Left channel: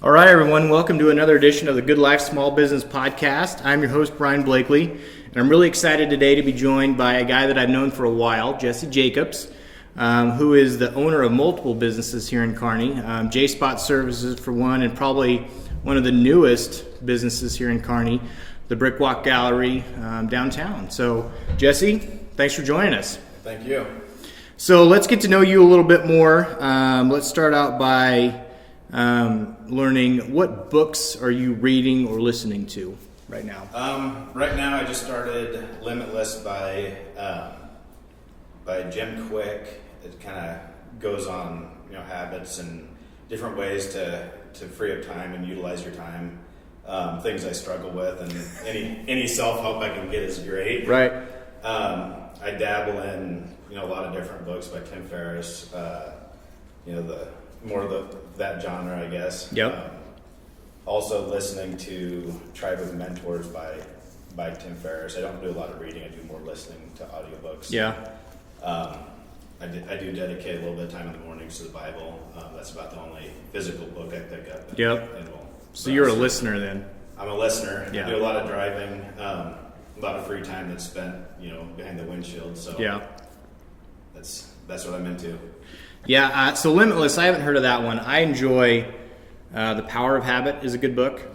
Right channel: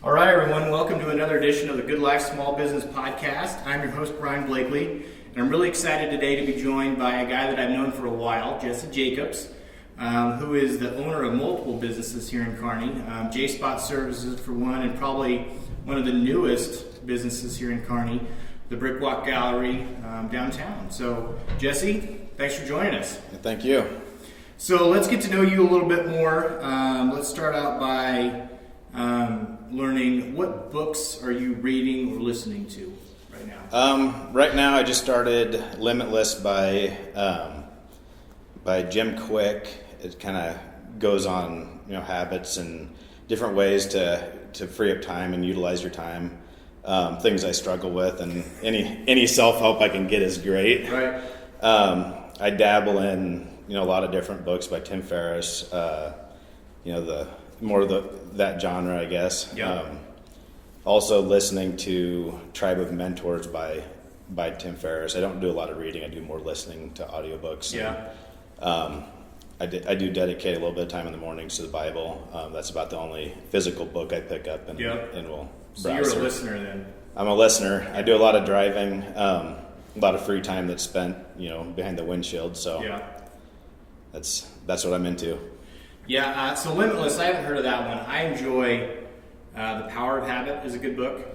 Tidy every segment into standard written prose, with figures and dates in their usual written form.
All right, everyone, welcome to another edition of the Good Life Small Business Podcast. I'm your host, Brian Blakely, and I'm really excited today to be joined by a guy that I've known for a while, Jesse Jacobs, who is the owner of multiple businesses here in Kearney. J-Spot Services for one, and probably one of the newest businesses here in Kearney, the Brickwalk Gallery downtown. So, Jesse, thanks for joining us. Thank you. So let's get to know you a little bit more. Let's start out by learning, what books are you reading or listening to right now? Right now, I just started Limitless by Jim Quick. It kind of goes on, habits and different ways to free up time and utilize your time. Things I struggle with, and any self-help I can get is great. Right. I dabble in a lot of different books by Tim Ferriss. That genre, I guess. Yep. Also listening to Tribe of Mentors by Tim Ferriss. I don't do a lot of reading. I do more listening to audiobooks. Yeah. I do dedicate a little bit of time in the mornings to the Bible. That's about the only physical book I pick up. And will. So you're a listener then? I'm a listener. Yeah. I do a lot of driving. A lot of free time that's spent, behind the windshield. So yeah, that's what I'm into. Yeah. So Limitless, I haven't heard of that one. I enjoy The Power of Habit is a good book,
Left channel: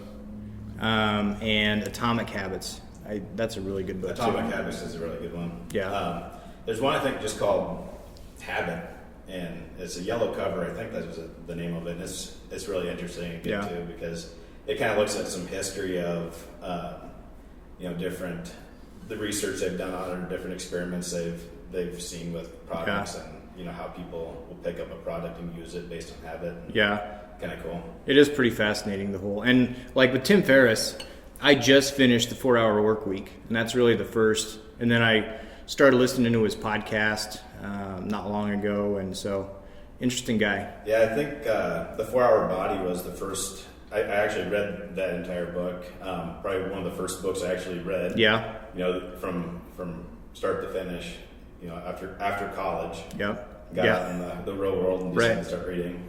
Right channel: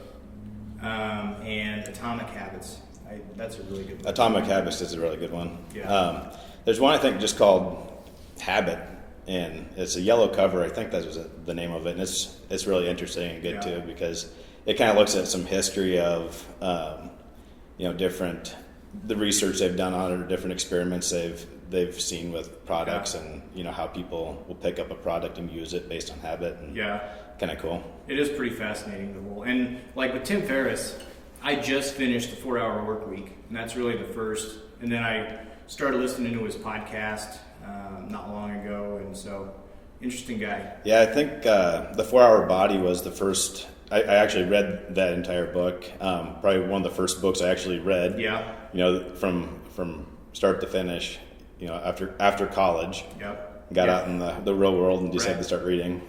and Atomic Habits. That's a really good book. Atomic Habits is a really good one. Yeah. There's one I think just called Habit, and it's a yellow cover. I think that was the name of it. And it's really interesting and good too, because it kind of looks at some history of the research they've done on it, or different experiments they've seen with products, and how people will pick up a product and use it based on habit. And kind of cool. It is pretty fascinating, the whole. And like with Tim Ferriss, I just finished the 4-Hour Work Week, and that's really the first. And then I started listening to his podcast not long ago, and so interesting guy. Yeah, I think the 4-Hour Body was the first. I actually read that entire book. Probably one of the first books I actually read. Yeah. From start to finish. After college. Yep. Got out in the real world and decided to start reading.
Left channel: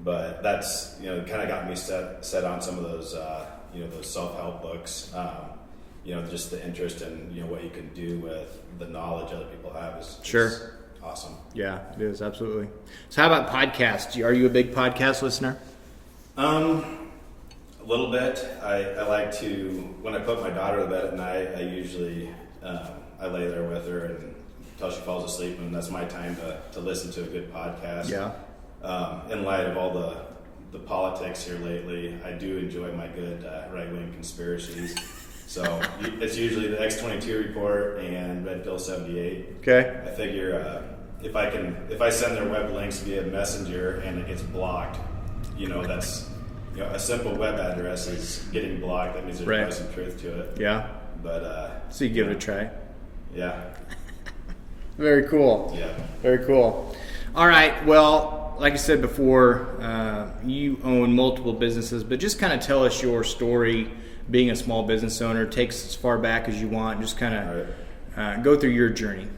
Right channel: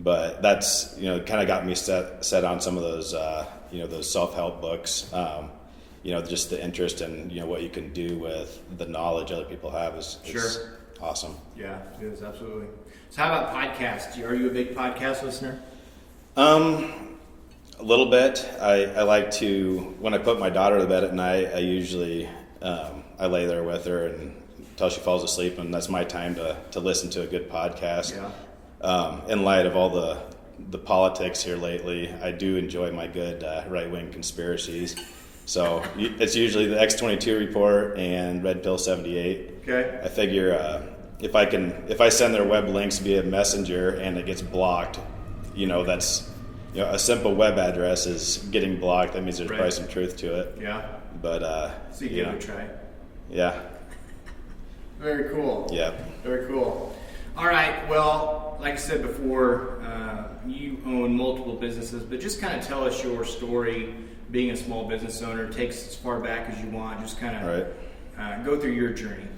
But that's kind of got me set on some of those those self-help books. Just the interest in what you can do with the knowledge other people have is awesome. Yeah, it is, absolutely. So how about podcasts? Are you a big podcast listener? A little bit. I like to, when I put my daughter to bed at night, I usually I lay there with her and until she falls asleep, and that's my time to listen to a good podcast. Yeah. In light of all the politics here lately, I do enjoy my good right-wing conspiracies. So it's usually the X-22 report and Red Pill 78. Okay. I figure if I send their web links via Messenger and it gets blocked, that's a simple web address is getting blocked. That means there's probably some truth to it. Yeah. But so you give it a try. Yeah. Very cool. Yeah. Very cool. All right. Well, like I said before, you own multiple businesses, but just kind of tell us your story. Being a small business owner, takes as far back as you want. Just kind of go through your journey.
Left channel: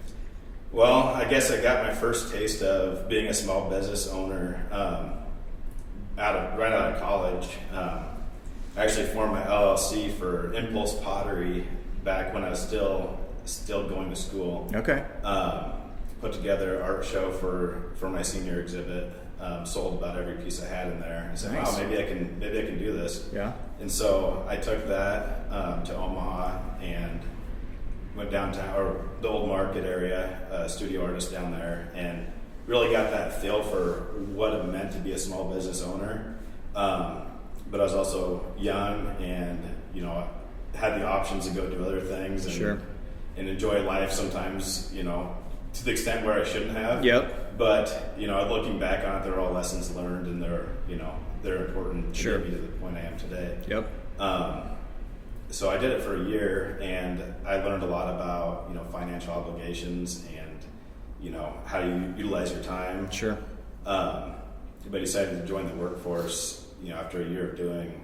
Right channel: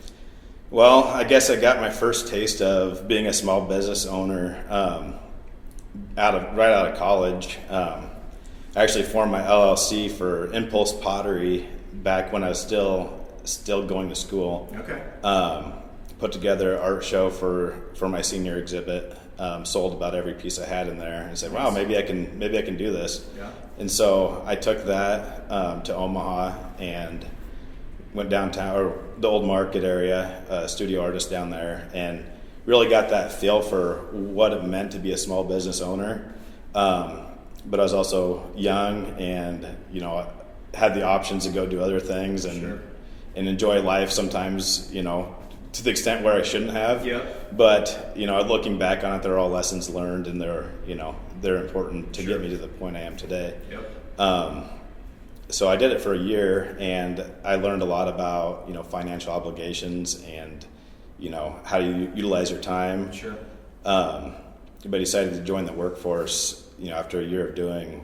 Well, I guess I got my first taste of being a small business owner right out of college. I actually formed my LLC for Impulse Pottery back when I was still going to school. Okay. Put together an art show for my senior exhibit. Sold about every piece I had in there, and said, "Wow, maybe I can do this." Yeah. And so I took that to Omaha and went downtown, or the old market area, studio artist down there, and really got that feel for what it meant to be a small business owner. But I was also young, and had the options to go do other things and enjoy life sometimes. To the extent where I shouldn't have. Yep. But looking back on it, they're all lessons learned, and they're important to get me to the point I am today. Yep. So I did it for a year, and I learned a lot about financial obligations and how you utilize your time. Sure. But I decided to join the workforce. After a year of doing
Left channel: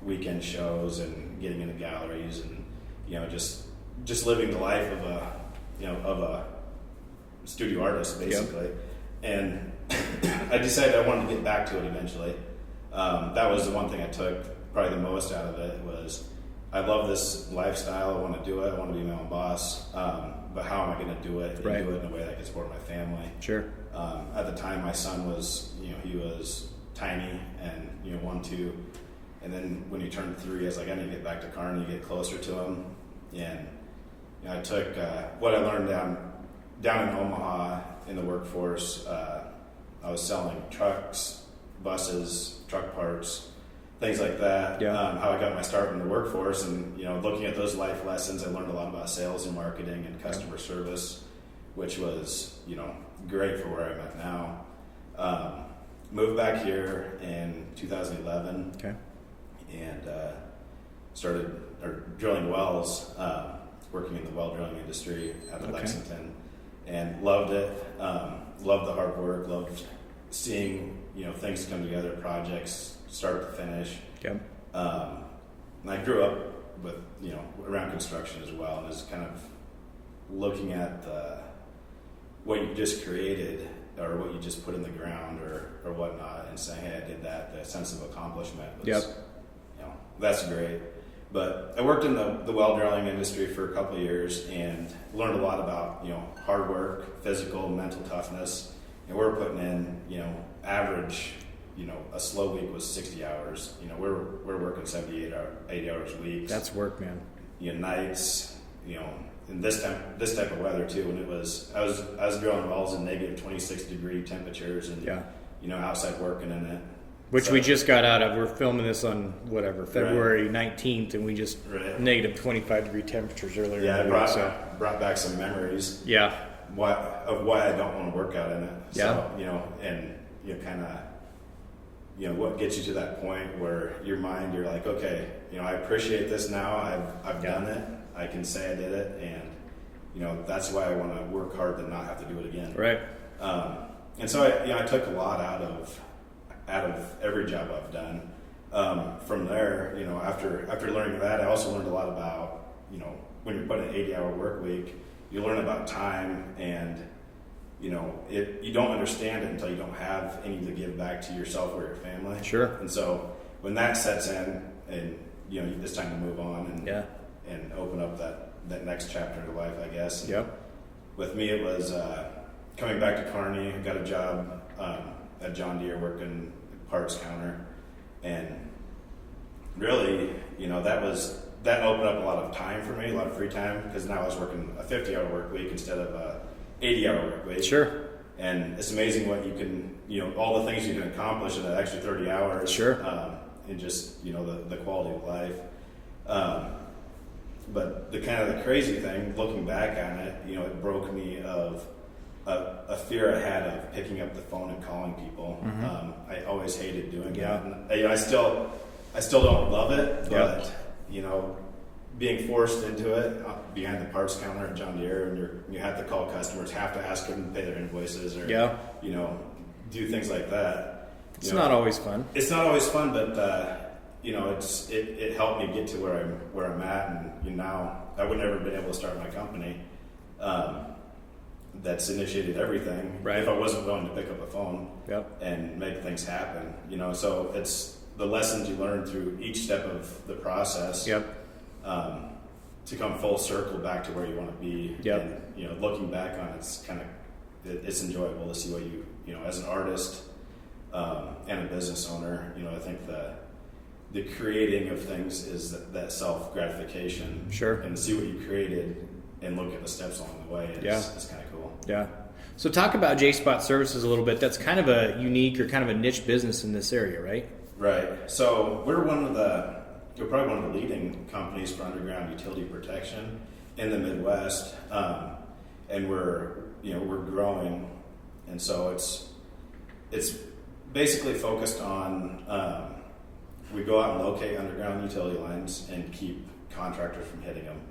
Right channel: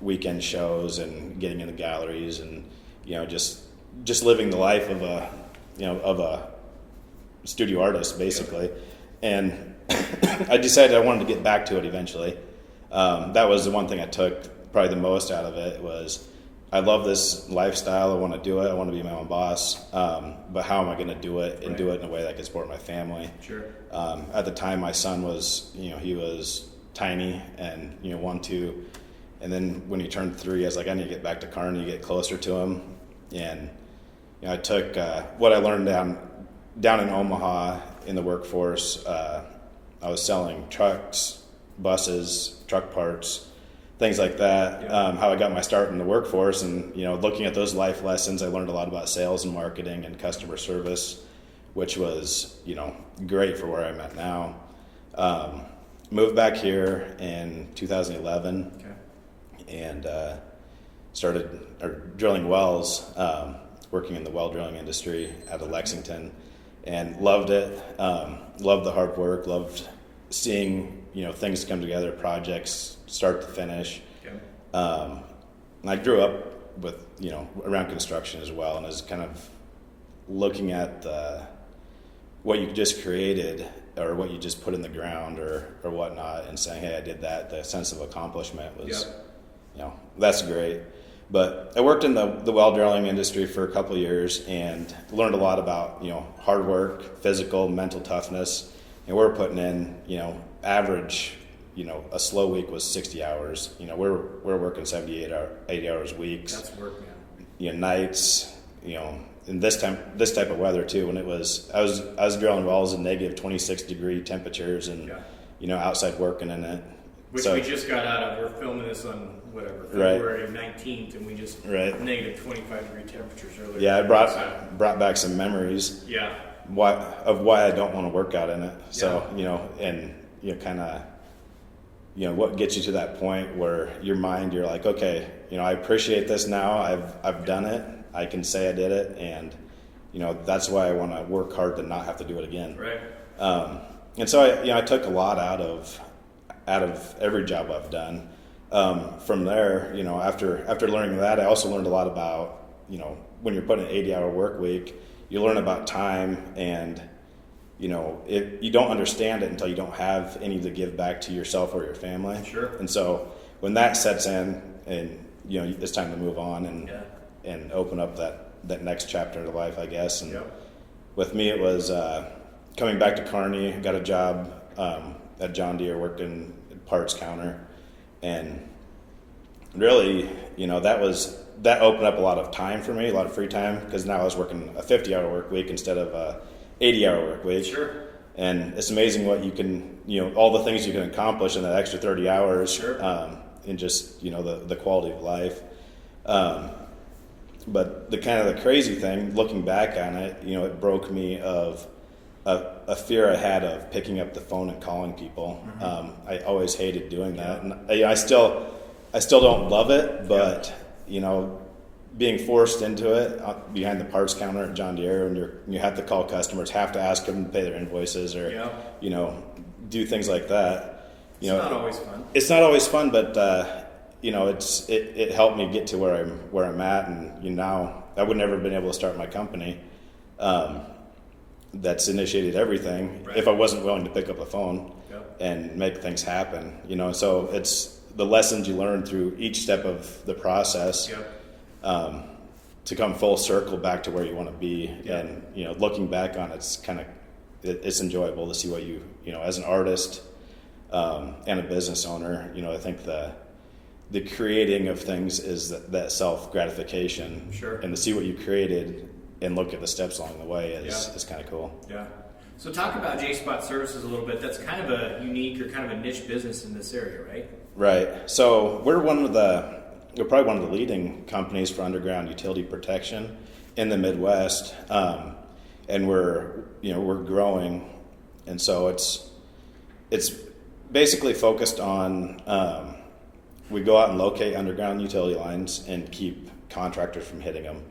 weekend shows and getting into galleries and just living the life of a studio artist, basically. And I decided I wanted to get back to it eventually. that was the one thing I took probably the most out of it was I love this lifestyle. I want to do it. I want to be my own boss. But how am I going to do it and do it in a way that can support my family? Sure. At the time, my son was, he was tiny and, 1, 2. And then when he turned 3, I was like, I need to get back to Kearney, get closer to him. And I took what I learned down in Omaha in the workforce. I was selling trucks, buses, truck parts, things like that. Yeah. How I got my start in the workforce, and looking at those life lessons, I learned a lot about sales and marketing and customer service, which was great for where I'm at now. Moved back here in 2011. Okay. And started drilling wells, working in the well drilling industry out of Lexington, and loved it. Loved the hard work. Loved seeing things come together, projects start to finish. Okay. And I grew up with around construction as well, and I was kind of looking at what you just created or what you just put in the ground or whatnot, and saying, hey, I did that. The sense of accomplishment was, that's great. But I worked in the well drilling industry for a couple of years and learned a lot about hard work, physical, mental toughness. And we're putting in average, a slow week was 60 hours. We're working 80 hours a week. That's work, man. Nights, in this type of weather too. When it was, I was drilling wells in negative 26 degree temperatures and outside working in it. Which we just got out of. We're filming this on February 19th, and we just negative 25 degree temperatures earlier. Yeah, I brought back some memories. Yeah. Why I don't want to work out in it. So and kind of what gets you to that point where your mind, you're like, okay, I appreciate this now. I've done it. I can say I did it, and that's why I want to work hard to not have to do it again. Right. And so I took a lot out of every job I've done. From there, after learning that, I also learned a lot about when you're putting an 80-hour work week, you learn about time, and if you don't understand it until you don't have any to give back to yourself or your family. Sure. And so when that sets in, and it's time to move on and open up that next chapter of life, I guess. And with me, it was coming back to Kearney. Got a job at John Deere working parts counter, and really, that opened up a lot of time for me, a lot of free time, because now I was working a 50-hour work week instead of a 80-hour work week. Sure. And it's amazing what you can, all the things you can accomplish in that extra 30 hours. Sure. And just, the quality of life. But the kind of the crazy thing, looking back on it, it broke me of a fear I had of picking up the phone and calling people. Mm-hmm. I always hated doing that, and I still don't love it. But being forced into it behind the parts counter at John Deere, and you have to call customers, have to ask them to pay their invoices, or do things like that. It's not always fun. It's not always fun, but it helped me get to where I'm at, and now I would never have been able to start my company. That's initiated everything if I wasn't willing to pick up a phone and make things happen, so it's the lessons you learn through each step of the process to come full circle back to where you want to be. And looking back on it's enjoyable to see what you as an artist and a business owner, I think the creating of things is that self gratification. Sure. And to see what you created and look at the steps along the way is kind of cool. Yeah. So talk about J-Spot Services a little bit. That's kind of a unique or kind of a niche business in this area, right? Right. So we're probably one of the leading companies for underground utility protection in the Midwest, and we're growing, and so it's basically focused on we go out and locate underground utility lines and keep contractors from hitting them.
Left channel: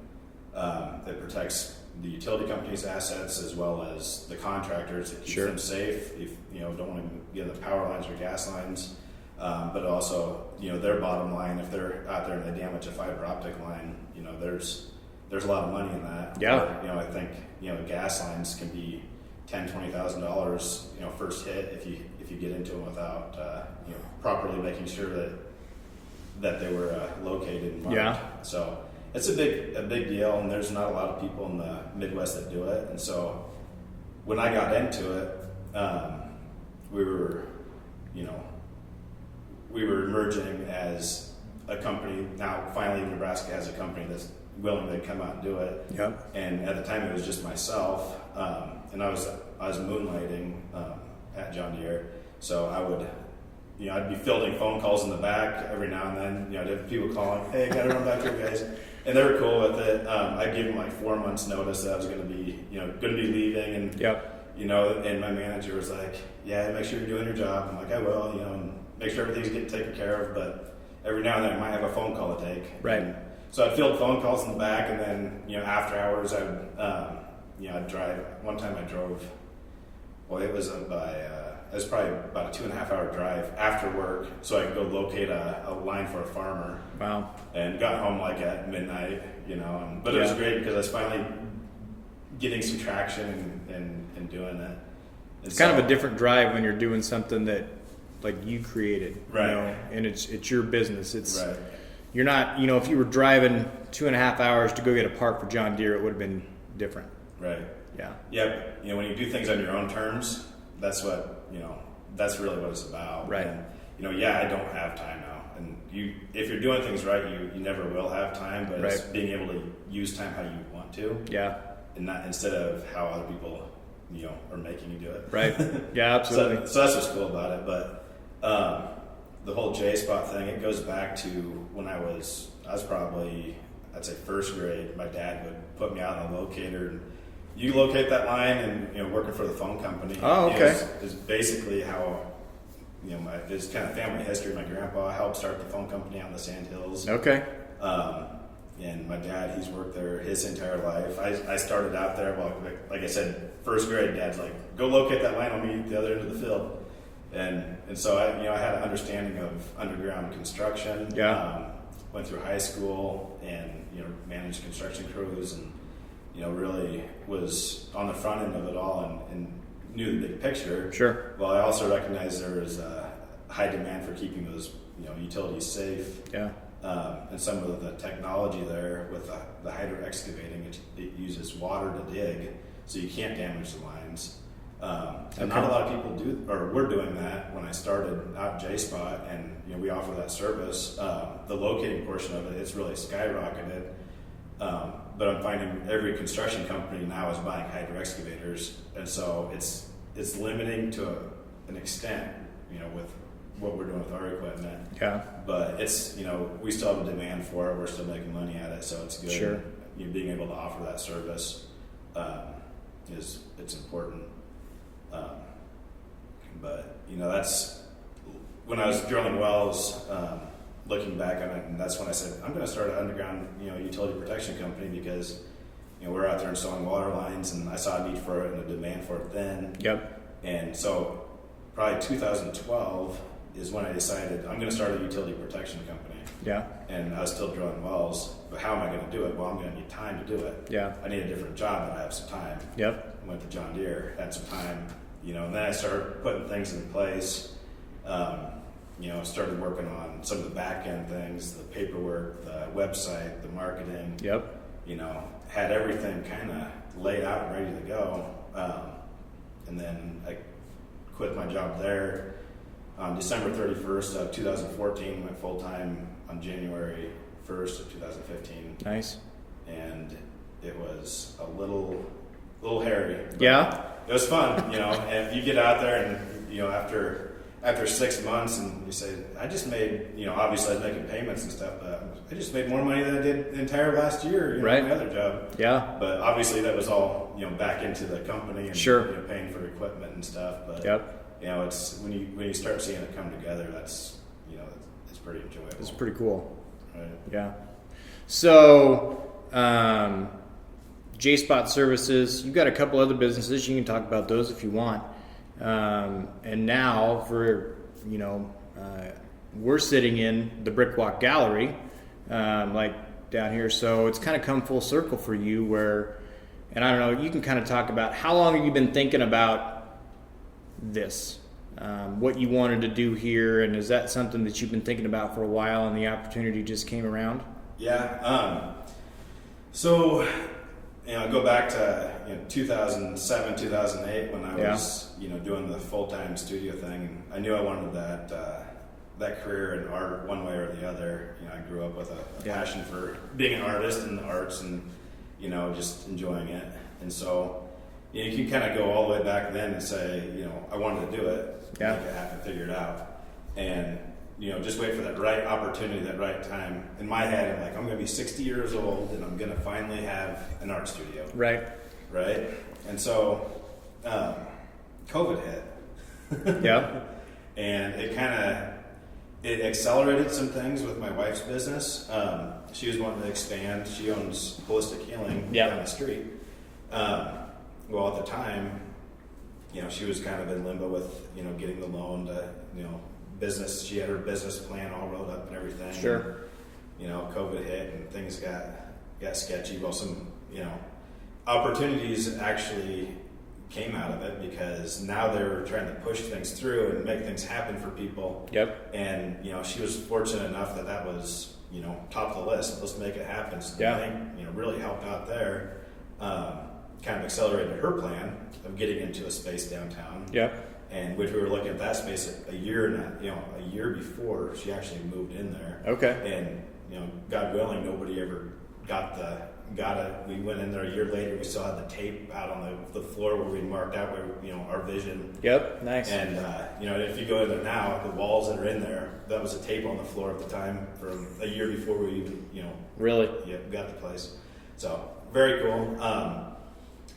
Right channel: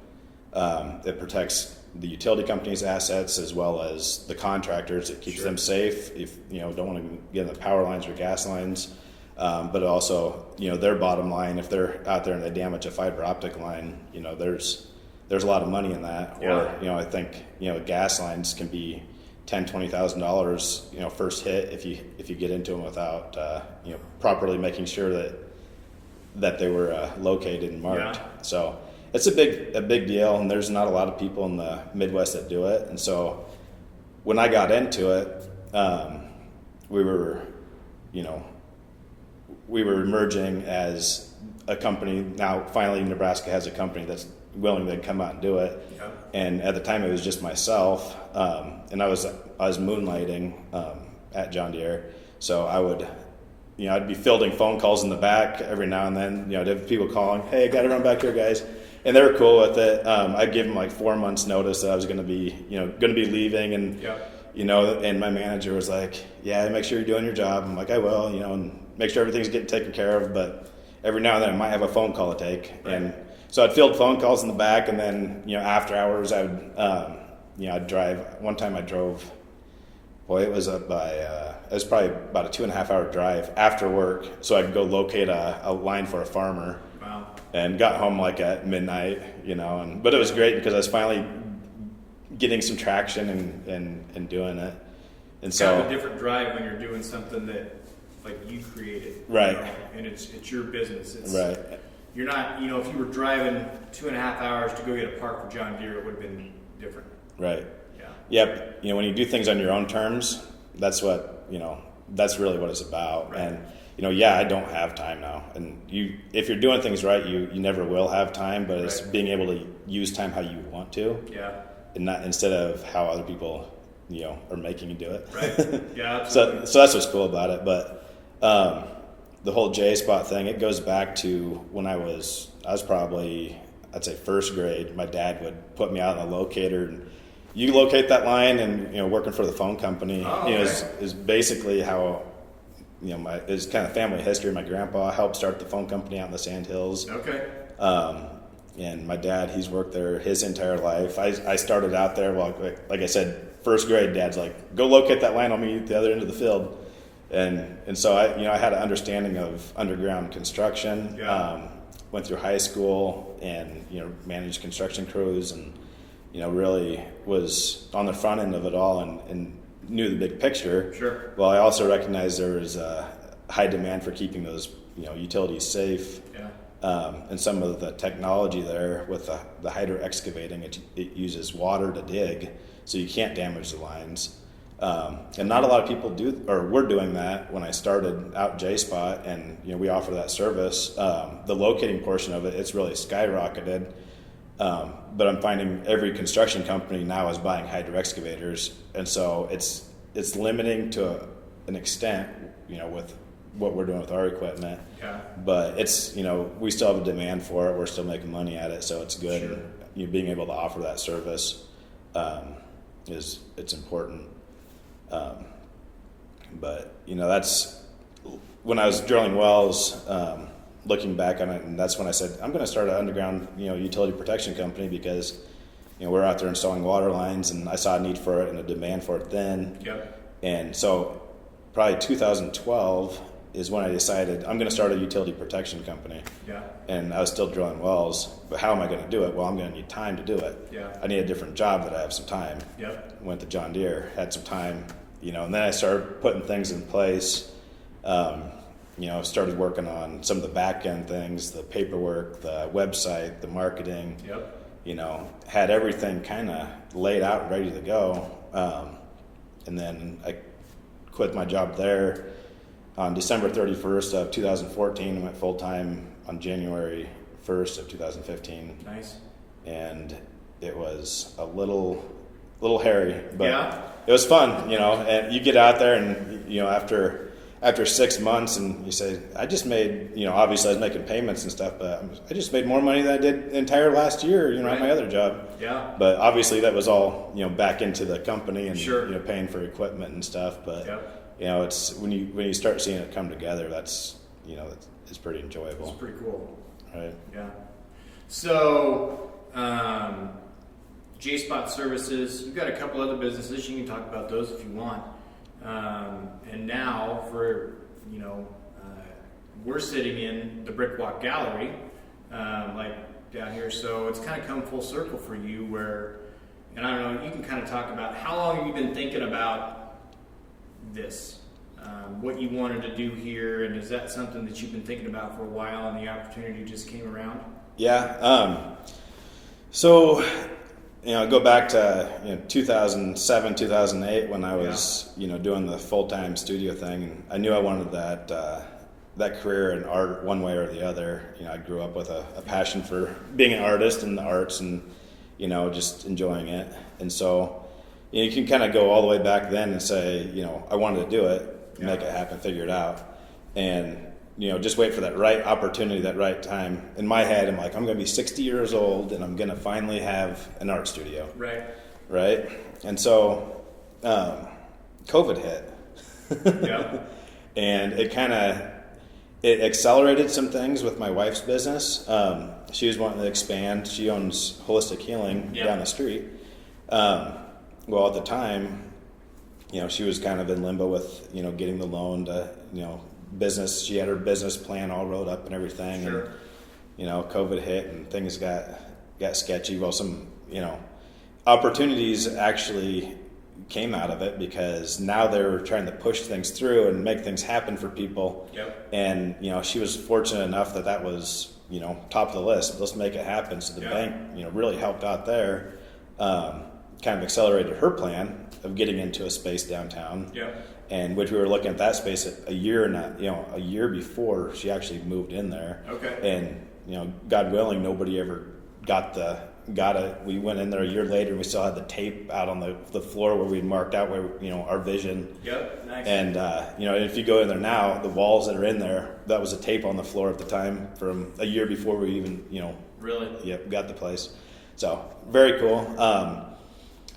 It protects the utility company's assets as well as the contractors. It keeps them safe if don't want to get in the power lines or gas lines, but also their bottom line, if they're out there and they damage a fiber optic line, there's a lot of money in that. Or I think gas lines can be $10,000-$20,000, first hit if you get into them without properly making sure that they were located and marked. Yeah. So it's a big deal, and there's not a lot of people in the Midwest that do it. And so when I got into it, we were emerging as a company. Now finally Nebraska has a company that's willing to come out and do it. Yep. And at the time it was just myself, and I was moonlighting at John Deere. So I would, I'd be fielding phone calls in the back every now and then. I'd have people calling, "Hey, got to run back here, guys," and they were cool with it. I'd give them like 4 months notice that I was going to be leaving, and and my manager was like, "Yeah, make sure you're doing your job." I'm like, "I will," and make sure everything's getting taken care of. But every now and then I might have a phone call to take. Right. And so I'd field phone calls in the back, and then after hours I would I'd drive. One time I drove. Boy, it was it was probably about a 2.5 hour drive after work, so I could go locate a line for a farmer. Wow. And got home like at midnight, but it was great because I was finally getting some traction and doing it. And It's kind of a different drive when you're doing something that like you created, right? And it's your business. It's right. You're not, if you were driving 2.5 hours to go get a part for John Deere, it would have been different. Right. Yeah. Yep. When you do things on your own terms, that's what that's really what it's about. Right. And I don't have time now. And if you're doing things right, you never will have time. But it's being able to use time how you want to. Yeah. And not instead of how other people are making you do it. Right. Yeah. Absolutely. So that's what's cool about it. But the whole J-spot thing, it goes back to when I was probably, I'd say, first grade. My dad would put me out in a locator, and you locate that line, and working for the phone company is basically how it's kind of family history. My grandpa helped start the phone company out in the Sandhills. Okay. And my dad, he's worked there his entire life. I started out there, like I said, first grade. Dad's like, "Go locate that line. I'll meet you at the other end of the field." And so I had an understanding of underground construction. Yeah. Went through high school and managed construction crews, and really was on the front end of it all and knew the big picture. Sure. Well, I also recognized there was a high demand for keeping those utilities safe. Yeah. And some of the technology there with the hydro excavating, it uses water to dig, so you can't damage the lines. And not a lot of people were doing that when I started out J-Spot, and we offer that service. The locating portion of it, it's really skyrocketed. But I'm finding every construction company now is buying hydro excavators, and so it's limiting to an extent, with what we're doing with our equipment. Yeah. But it's we still have a demand for it. We're still making money at it, so it's good. Sure. Being able to offer that service it's important. But that's when I was drilling wells. Looking back on it, and that's when I said I'm going to start an underground utility protection company, because we're out there installing water lines, and I saw a need for it and a demand for it then. Yep. And so probably 2012 is when I decided I'm going to start a utility protection company. Yeah. And I was still drilling wells, but how am I going to do it? Well, I'm going to need time to do it. Yeah. I need a different job that I have some time. Yep. Went to John Deere, had some time, and then I started putting things in place. Started working on some of the back end things, the paperwork, the website, the marketing. Yep. Had everything kind of laid out, ready to go. And then I quit my job there on December 31st of 2014, went full time on January 1st of 2015. Nice. And it was a little hairy, but yeah, it was fun, and you get out there and, after 6 months, and you say, I just made, obviously I was making payments and stuff, but I just made more money than I did the entire last year, right. my other job. Yeah. But obviously that was all, back into the company and, sure. Paying for equipment and stuff. But, yep. It's when you start seeing it come together, that's, it's pretty enjoyable. It's pretty cool. Right. Yeah. So, J-Spot Services, you've got a couple other businesses. You can talk about those if you want. And now we're sitting in the Brickwalk Gallery, like down here. So it's kind of come full circle for you, where And I don't know, you can kind of talk about how long have you been thinking about this, what you wanted to do here, and is that something that you've been thinking about for a while and the opportunity just came around? Yeah. So, go back to 2007, 2008 when I was doing the full-time studio thing. And I knew I wanted that career in art one way or the other. I grew up with a passion for being an artist in the arts and just enjoying it. And so you can kind of go all the way back then and say, I wanted to do it, make it happen, figure it out, and just wait for that right opportunity, that right time. In my head, I'm like, I'm going to be 60 years old and I'm going to finally have an art studio. Right. And so COVID hit. Yeah. And it accelerated some things with my wife's business. She was wanting to expand. She owns Holistic Healing down the street. Well, at the time, she was kind of in limbo with, getting the loan to, business. She had her business plan all rolled up and everything. Sure. And, COVID hit and things got sketchy. Well, some, opportunities actually came out of it because now they were trying to push things through and make things happen for people. Yep. And, she was fortunate enough that was, top of the list. Let's make it happen. So the bank, really helped out there. Kind of accelerated her plan of getting into a space downtown. Yep. And which we were looking at that space a year before she actually moved in there. Okay. And, God willing, nobody ever got it. We went in there a year later. We still had the tape out on the floor where we marked out where our vision. Yep. Nice. And if you go in there now, the walls that are in there, that was a tape on the floor at the time from a year before we even really got the place. So very cool.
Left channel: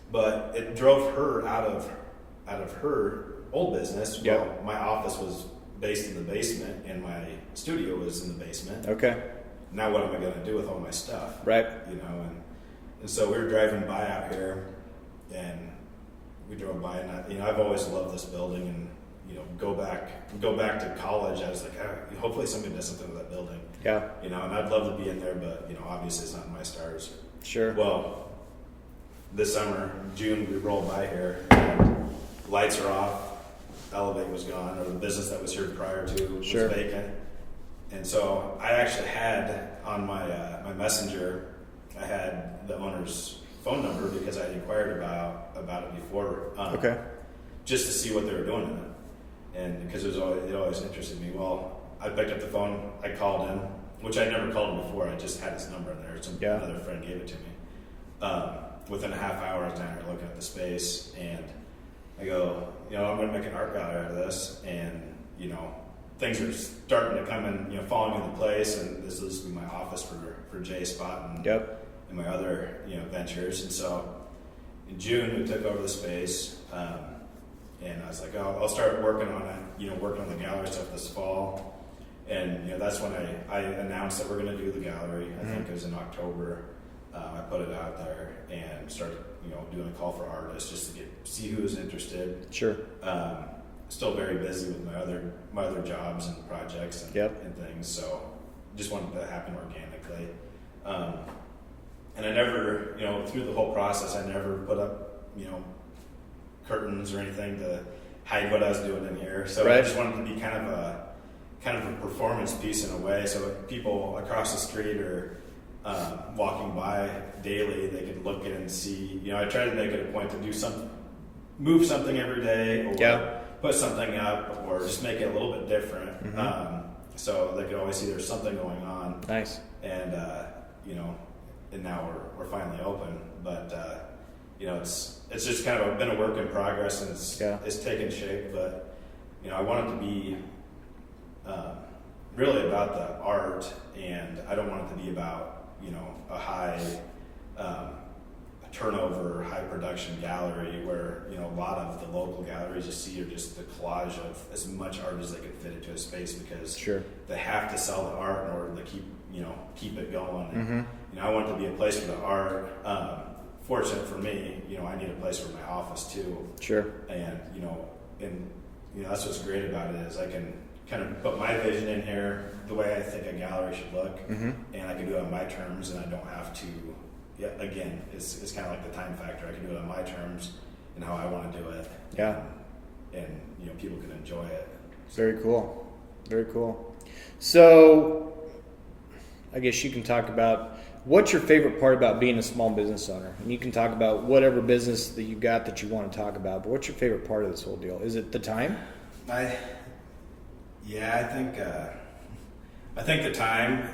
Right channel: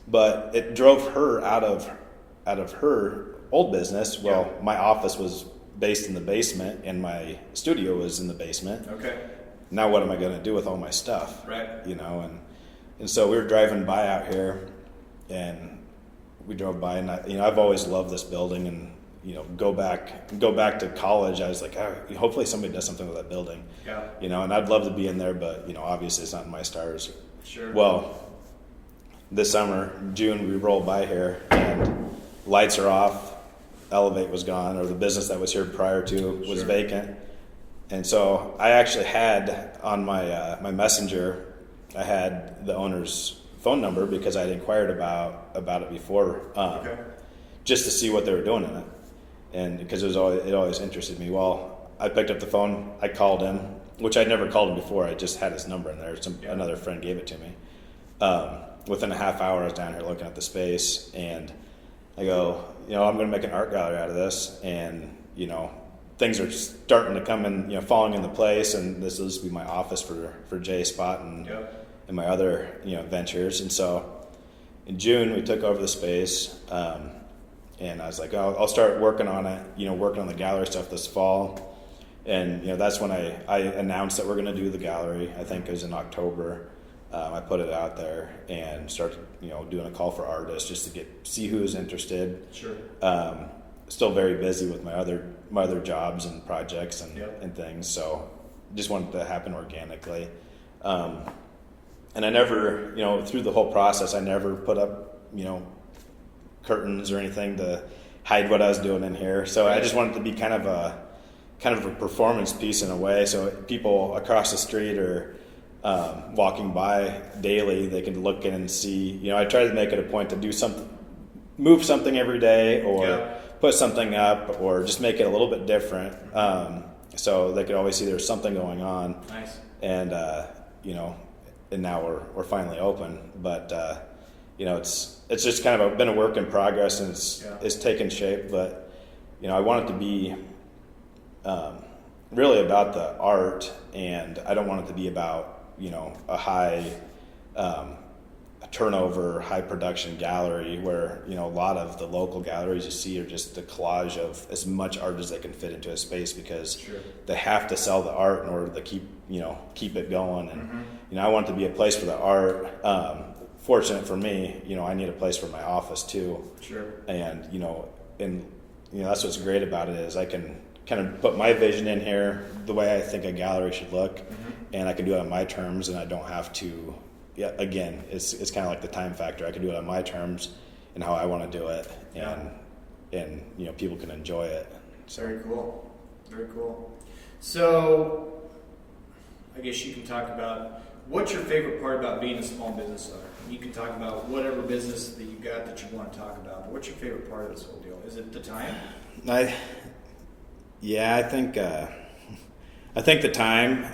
But it drove her out of her old business. Well, my office was based in the basement and my studio was in the basement. Okay. Now what am I going to do with all my stuff? Right. And so we were driving by out here, and we drove by, and I've always loved this building, and go back to college. I was like, hopefully somebody does something with that building. Yeah. And I'd love to be in there, but obviously it's not in my stars. Sure. Well, this summer, June, we rolled by here, and lights are off. Elevate was gone, or the business that was here prior to was vacant. And so I actually had on my my messenger, I had the owner's phone number because I'd inquired about it before, just to see what they were doing in it, and because it always interested me. Well, I picked up the phone, I called him, which I'd never called him before. I just had his number in there. Another friend gave it to me. Within a half hour, I was down here looking at the space, and I go, I'm going to make an art gallery out of this, and things are starting to come in, falling into place, and this is be my office for Jay Spot and my other ventures. And so in June we took over the space, and I was like, I'll start working on it, working on the gallery stuff this fall. And that's when I announced that we're going to do the gallery. I think it was in October. I put it out there and started doing a call for artists just to see who was interested. Sure. Still very busy with my other jobs and projects and things, so just wanted to happen organically. And I never, through the whole process, I never put up, curtains or anything to hide what I was doing in here. So I just wanted to be kind of a performance piece in a way, so people across the street or walking by daily, they can look in and see. I try to make it a point to move something every day, or put something up, or just make it a little bit different, so they could always see there's something going on. Nice. And and now we're finally open, but it's just kind of been a work in progress, and it's taken shape. But I want it to be really about the art, and I don't want it to be about a high turnover, high production gallery where a lot of the local galleries you see are just the collage of as much art as they can fit into a space, because they have to sell the art in order to keep it going. And I want it to be a place for the art. Fortunate for me, I need a place for my office too. Sure. And that's what's great about it, is I can kind of put my vision in here, the way I think a gallery should look, and I can do it on my terms, and I don't have to yeah, again, it's kind of like the time factor. I can do it on my terms and how I want to do it. Yeah. And people can enjoy it. It's very cool. Very cool. So I guess you can talk about what's your favorite part about being a small business owner. And you can talk about whatever business that you got that you want to talk about, but what's your favorite part of this whole deal? Is it the time? I think the time,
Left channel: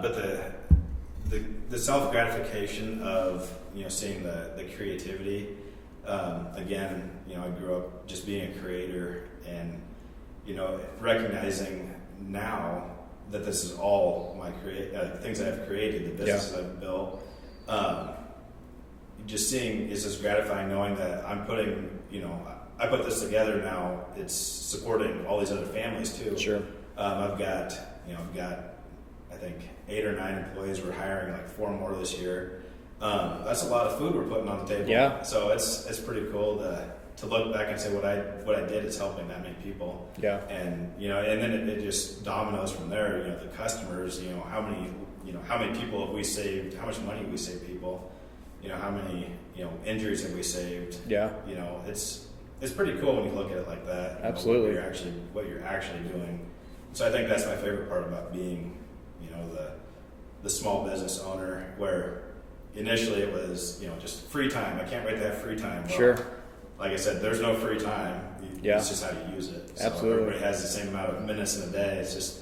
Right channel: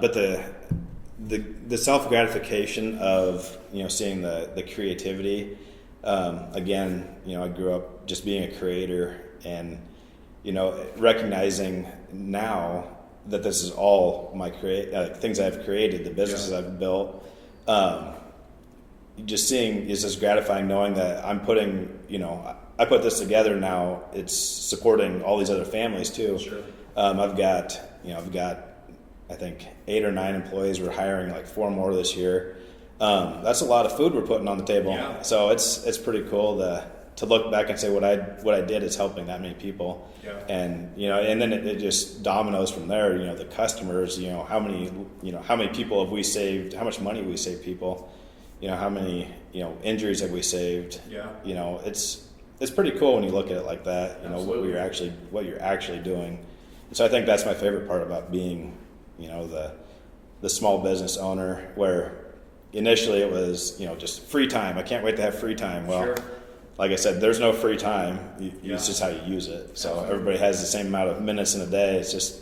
but the self gratification of seeing the creativity. Again, I grew up just being a creator, and recognizing now that this is all my things I've created, the businesses I've built. Just seeing is just gratifying, knowing that I'm putting, I put this together now. It's supporting all these other families too. Sure. I've got I think 8 or 9 employees. We're hiring like 4 more this year. That's a lot of food we're putting on the table. Yeah. So it's pretty cool to look back and say what I did is helping that many people. Yeah. And and then it just dominoes from there. The customers. How many people have we saved? How much money we saved people? How many injuries have we saved? Yeah. It's pretty cool when you look at it like that. Absolutely. What you're actually doing. So I think that's my favorite part about being the small business owner, where initially it was just free time. I can't wait to have free time. Well, sure. Like I said, there's no free time. It's just how you use it. So Absolutely. Everybody has the same amount of minutes in a day. It's just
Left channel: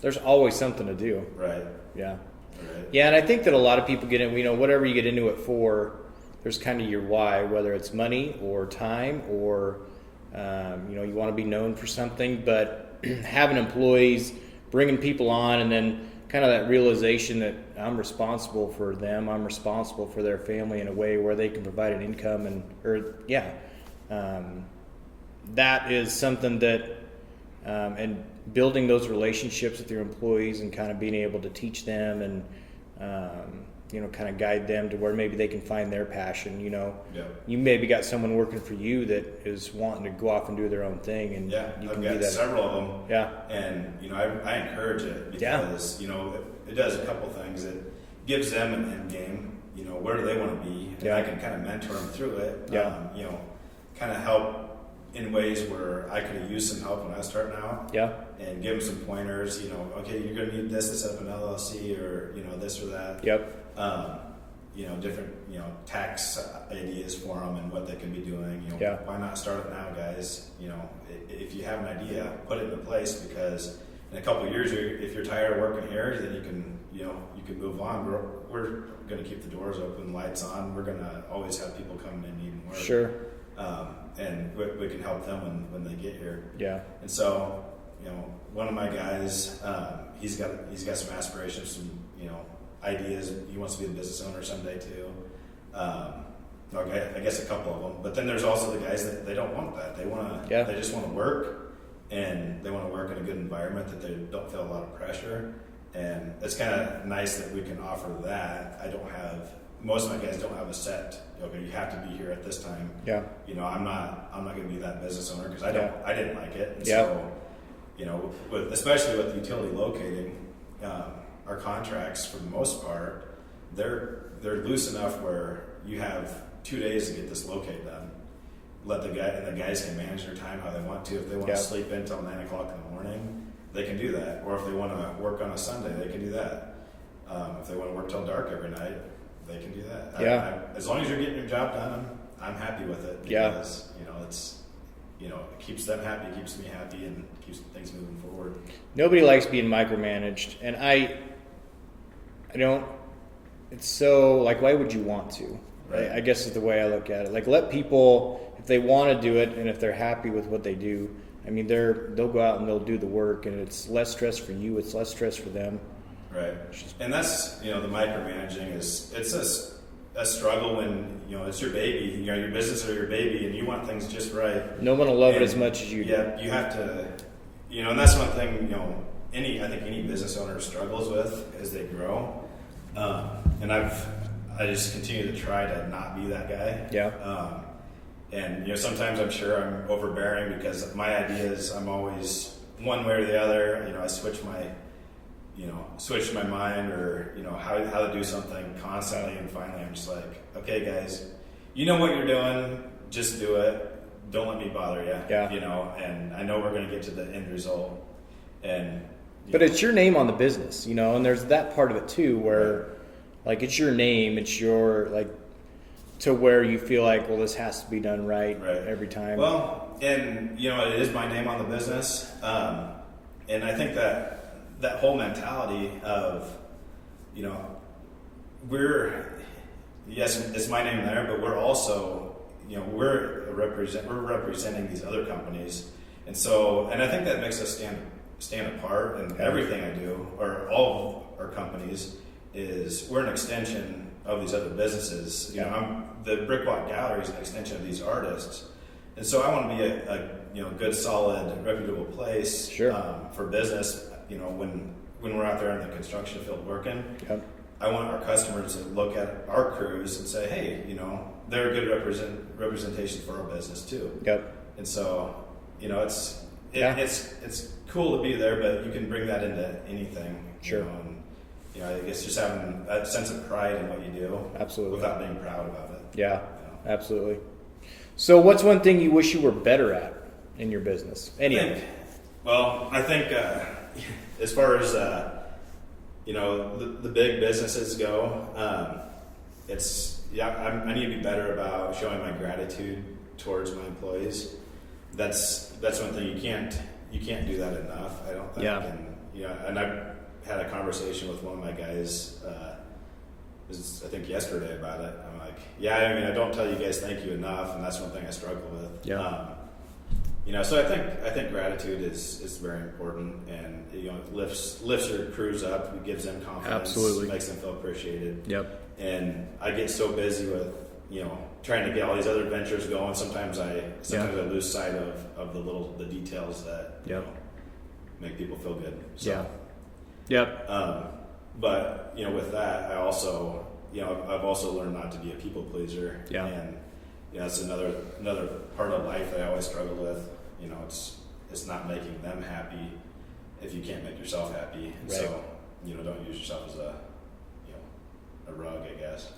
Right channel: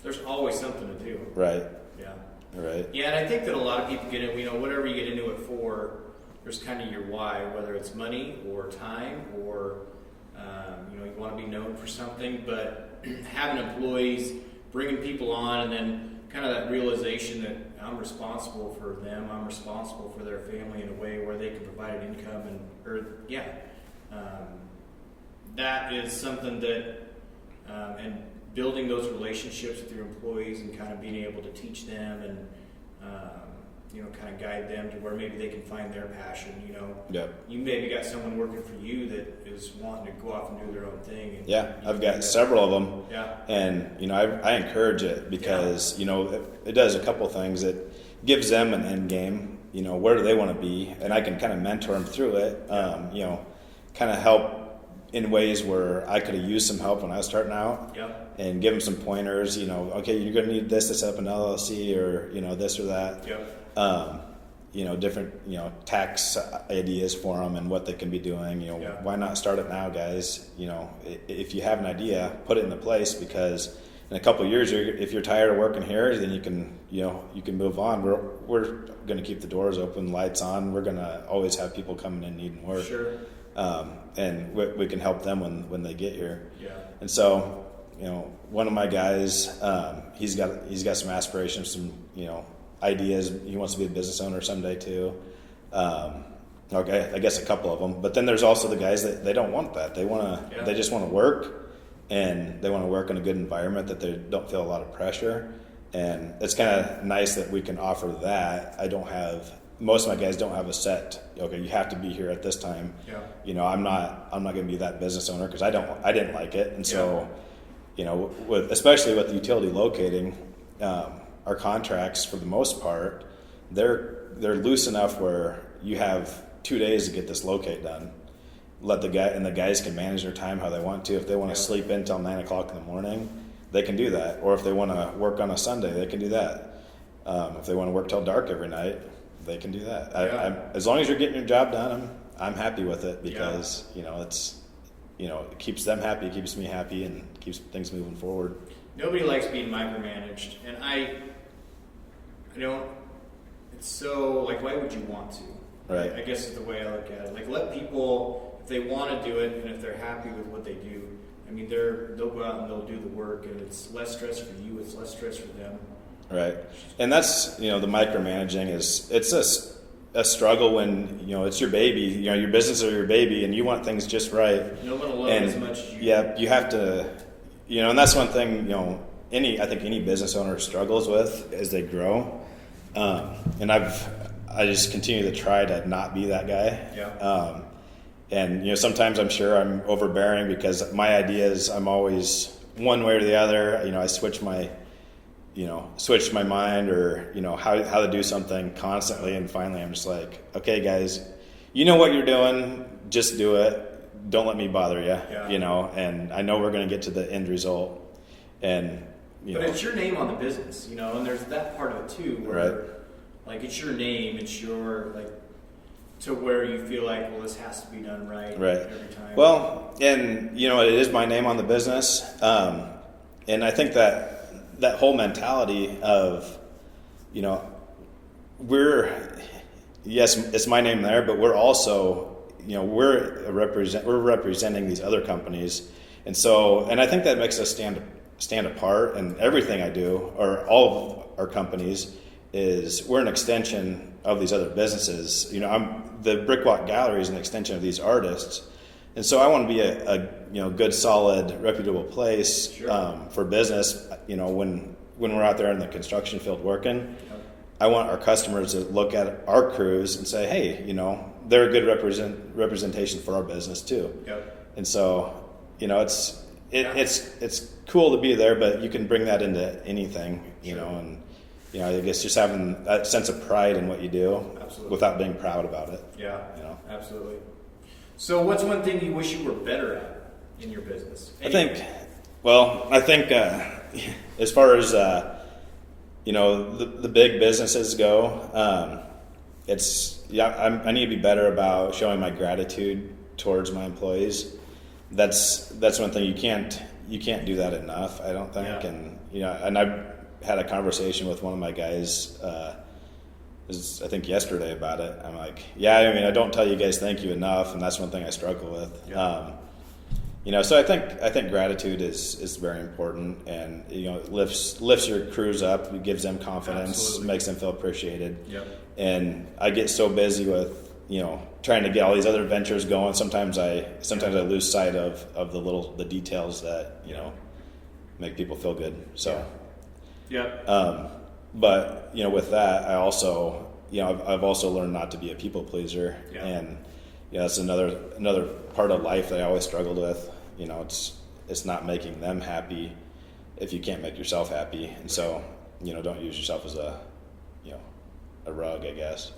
there's always something to do. Right. Yeah. Right. Yeah, and I think that a lot of people get in, whatever you get into it for, there's kind of your why, whether it's money or time or, you want to be known for something, but having employees, bringing people on, and then kind of that realization that I'm responsible for them, I'm responsible for their family in a way where they can provide an income that is something that, and building those relationships with your employees and kind of being able to teach them and, kind of guide them to where maybe they can find their passion. You maybe got someone working for you that is wanting to go off and do their own thing. And I've got several of them. Yeah. And, I encourage it because, it does a couple things. It gives them an end game, where do they want to be? And I can kind of mentor them through it, kind of help in ways where I could have used some help when I was starting out. Yeah. And give them some pointers, okay, you're going to need this to set up an LLC or, this or that. Yep. Different, tax ideas for them and what they can be doing. Why not start it now, guys? If you have an idea, put it into place, because in a couple of years, if you're tired of working here, then you can move on. We're going to keep the doors open, lights on. We're going to always have people coming in needing work. Sure. And we can help them when they get here. Yeah. And so, one of my guys, he's got some aspirations, some ideas. He wants to be a business owner someday too. Okay, I guess a couple of them. But then there's also the guys that they don't want that. They just want to work, and they want to work in a good environment that they don't feel a lot of pressure. And it's kind of nice that we can offer that. Most of my guys don't have a set. Okay, you have to be here at this time. Yeah. I'm not going to be that business owner because I didn't like it, and so, especially with utility locating, our contracts for the most part, they're loose enough where you have 2 days to get this locate done. The guys can manage their time how they want to. If they want to sleep in till 9 o'clock in the morning, they can do that. Or if they want to work on a Sunday, they can do that. If they want to work till dark every night, they can do that. As long as you're getting your job done, I'm happy with it, because it keeps them happy, it keeps me happy, and keeps things moving forward. Nobody likes being micromanaged, and I don't. It's so, like, why would you want to? Right. I guess is the way I look at it. Like, let people, if they want to do it, and if they're happy with what they do, they'll go out and they'll do the work, and it's less stress for you, it's less stress for them. Right. And that's, the micromanaging it's a struggle when, it's your baby, your business or your baby, and you want things just right. No one will love it as much as you. Yeah, you have to, and that's one thing, I think any business owner struggles with as they grow. And I just continue to try to not be that guy. Yeah. And, sometimes I'm sure I'm overbearing because my ideas, I'm always one way or the other. I switch my switched my mind or, how to do something constantly. And finally I'm just like, okay, guys, you know what you're doing, just do it. Don't let me bother you, and I know we're going to get to the end result. And, but it's your name on the business, and there's that part of it too, where like, it's your name, it's your, like, to where you feel like, well, this has to be done right every time. Well, and, it is my name on the business. And I think that whole mentality of, yes, it's my name there, but we're also, we're representing these other companies. And I think that makes us stand apart, and everything I do, or all of our companies, is we're an extension of these other businesses. The Brickwalk Gallery is an extension of these artists. And so I want to be a good, solid, reputable place for business. When we're out there in the construction field working, I want our customers to look at our crews and say, hey, they're a good representation for our business too. And so, it's cool to be there, but you can bring that into anything, and I guess just having that sense of pride in what you do, absolutely, without being proud about it. Yeah, absolutely. So, what's one thing you wish you were better at in your business? I think as far as the big businesses go, I need to be better about showing my gratitude towards my employees. That's one thing you can't do that enough, I don't think. And I've had a conversation with one of my guys, I think yesterday, about it. I'm like, I don't tell you guys thank you enough, and that's one thing I struggle with. So I think gratitude is very important, and it lifts your crews up, it gives them confidence, absolutely, makes them feel appreciated. And I get so busy with trying to get all these other ventures going. Sometimes I lose sight of the details that make people feel good. So but with that, I also I've also learned not to be a people pleaser. And that's another part of life that I always struggled with. It's not making them happy if you can't make yourself happy. And so don't use yourself as a rug, I guess.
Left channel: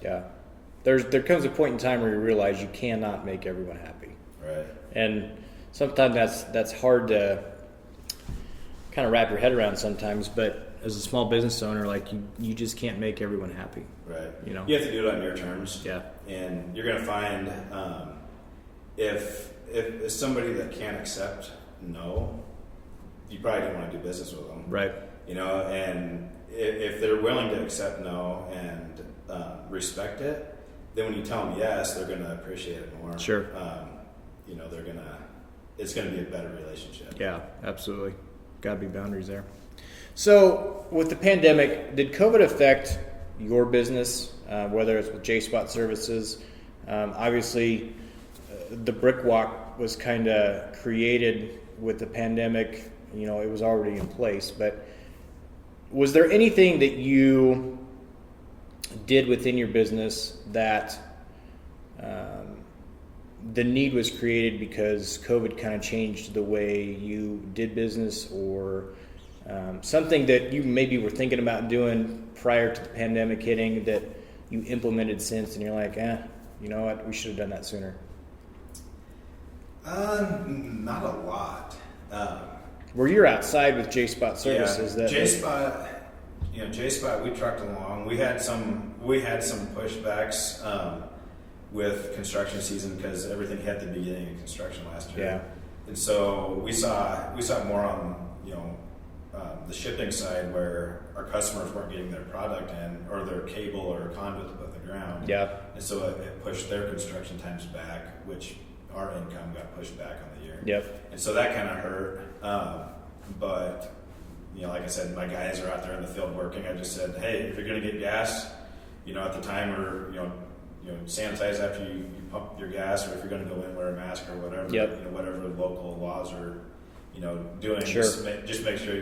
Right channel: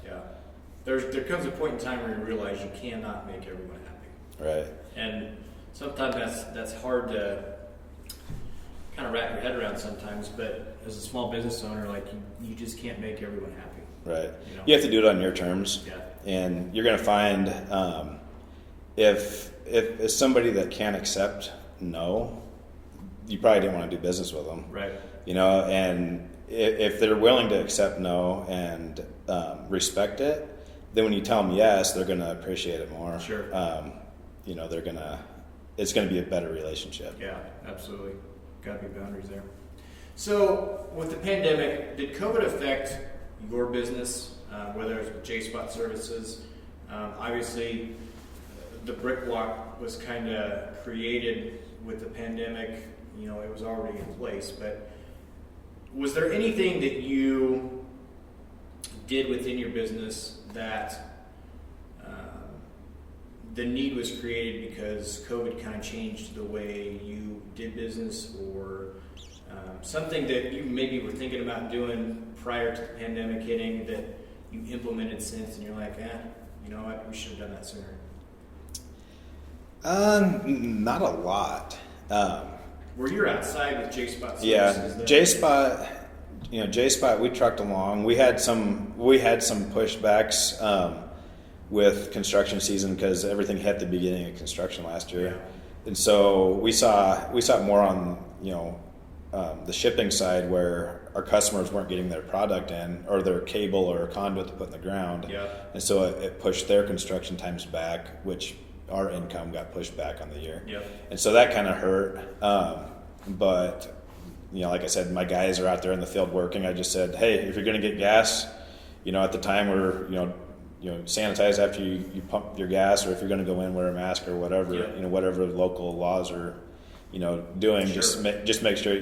There comes a point in time where you realize you cannot make everyone happy. Right. And sometimes that's hard to kind of wrap your head around sometimes, but as a small business owner, like, you just can't make everyone happy. Right. You have to do it on your terms. Yeah. And you're going to find if it's somebody that can't accept no, you probably don't want to do business with them. Right. And if they're willing to accept no and respect it, then when you tell them yes, they're going to appreciate it more. Sure. It's going to be a better relationship. Yeah, absolutely. Got to be boundaries there. So, with the pandemic, did COVID affect your business, whether it's with J-Spot Services? Obviously, the Brickwalk was kind of created with the pandemic. It was already in place. But was there anything that you did within your business that the need was created because COVID kind of changed the way you did business, or something that you maybe were thinking about doing prior to the pandemic hitting that you implemented since, and you're like, you know what, we should have done that sooner? Not a lot. Where you're outside with J-Spot Services. Yeah, J-Spot, we trucked along. We had some pushbacks with construction season because everything hit the beginning of construction last year. Yeah. And so we saw more on the shipping side, where our customers weren't getting their product in, or their cable or conduit to put in the ground. Yeah. And so it pushed their construction times back, which our income got pushed back on the year. Yep. And so that kind of hurt. But like I said, my guys are out there in the field working. I just said, hey, if you're going to get gas, at the time we're sanitize after you pump your gas, or if you're going to go in, wear a mask or whatever. Yep. Whatever local laws are doing. Sure. Just make sure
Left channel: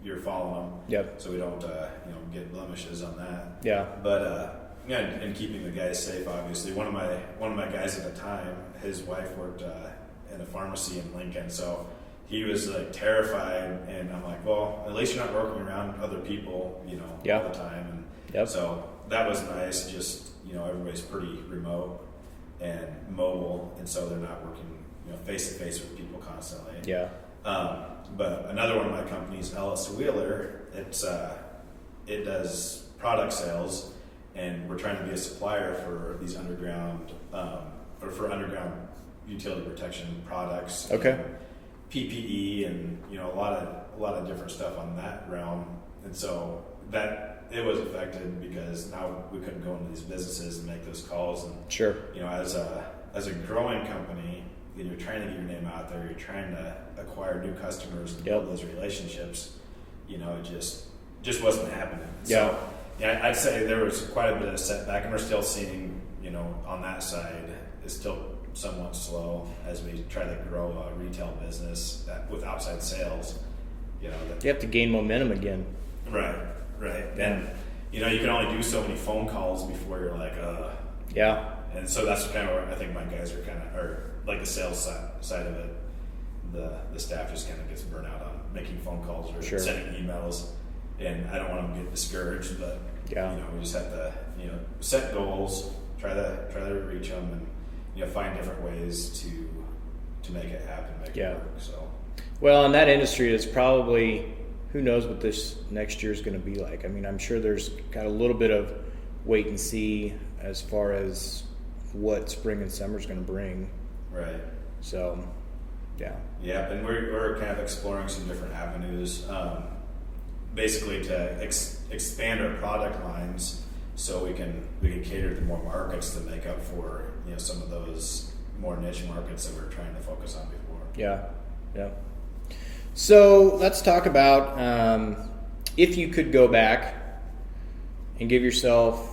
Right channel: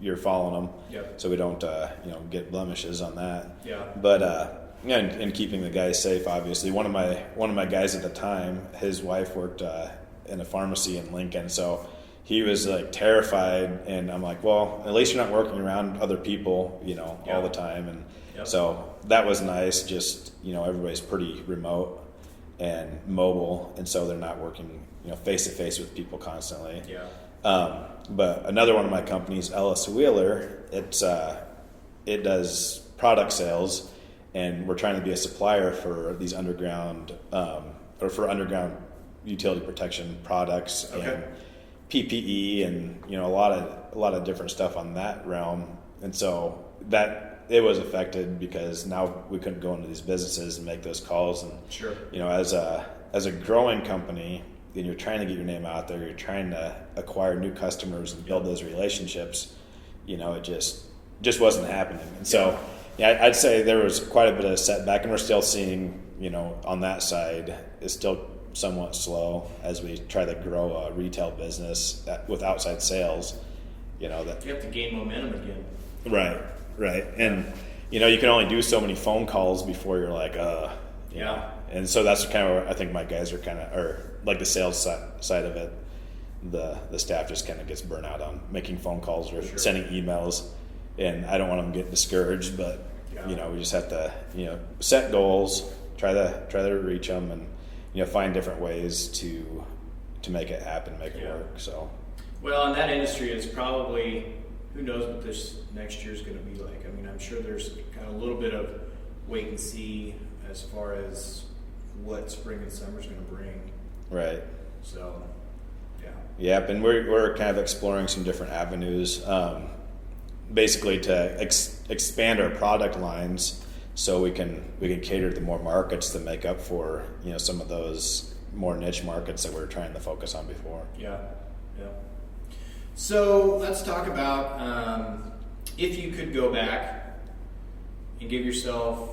you're following them. Yep. So we don't get blemishes on that. Yeah. But and keeping the guys safe, obviously. One of my guys at the time, his wife worked in a pharmacy in Lincoln, so he was like terrified, and I'm like, well, at least you're not working around other people, all the time. And so that was nice. Just, everybody's pretty remote and mobile, and so they're not working, face to face with people constantly. Yeah. But another one of my companies, Ellis Wheeler, it does product sales, and we're trying to be a supplier for these underground utility protection products. Okay. And PPE and a lot of different stuff on that realm, and so that it was affected because now we couldn't go into these businesses and make those calls. And sure, as a growing company, and you're trying to get your name out there, you're trying to acquire new customers and build those relationships. It just wasn't happening. And so I'd say there was quite a bit of setback, and we're still seeing on that side is still somewhat slow as we try to grow a retail business with outside sales. That you have to gain momentum again. Right. And you can only do so many phone calls before you're like, yeah. And so that's kind of where I think my guys are like the sales side of it. The staff just kind of gets burnt out on making phone calls or sending emails, and I don't want them to get discouraged, but we just have to set goals, try to reach them, and find different ways to make it happen, make it work. So, well, in that industry, it's probably, who knows what this next year is going to be like. I mean, I'm sure there's got a little bit of wait and see as far as what spring and summer is going to bring. Right. So, yeah. Yep, and we're kind of exploring some different avenues, basically to expand our product lines, so we can cater to more markets to make up for some of those more niche markets that we're trying to focus on before. Yeah. So let's talk about if you could go back and give yourself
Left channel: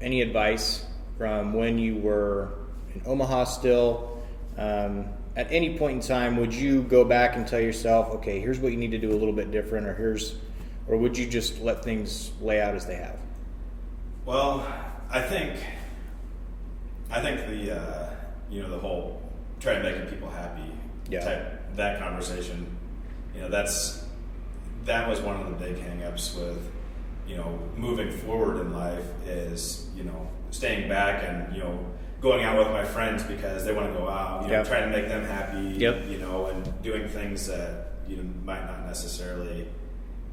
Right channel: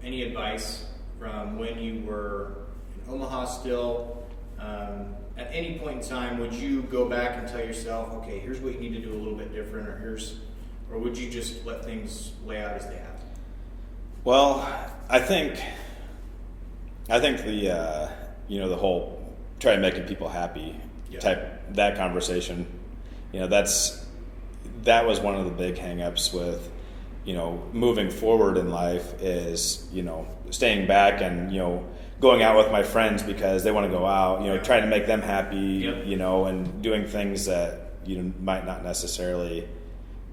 any advice from when you were in Omaha still. At any point in time, would you go back and tell yourself, okay, here's what you need to do a little bit different, or would you just let things lay out as they have? Well, I think the the whole try making people happy type, that conversation, that was one of the big hang-ups with moving forward in life is staying back and going out with my friends because they want to go out, trying to make them happy, and doing things that might not necessarily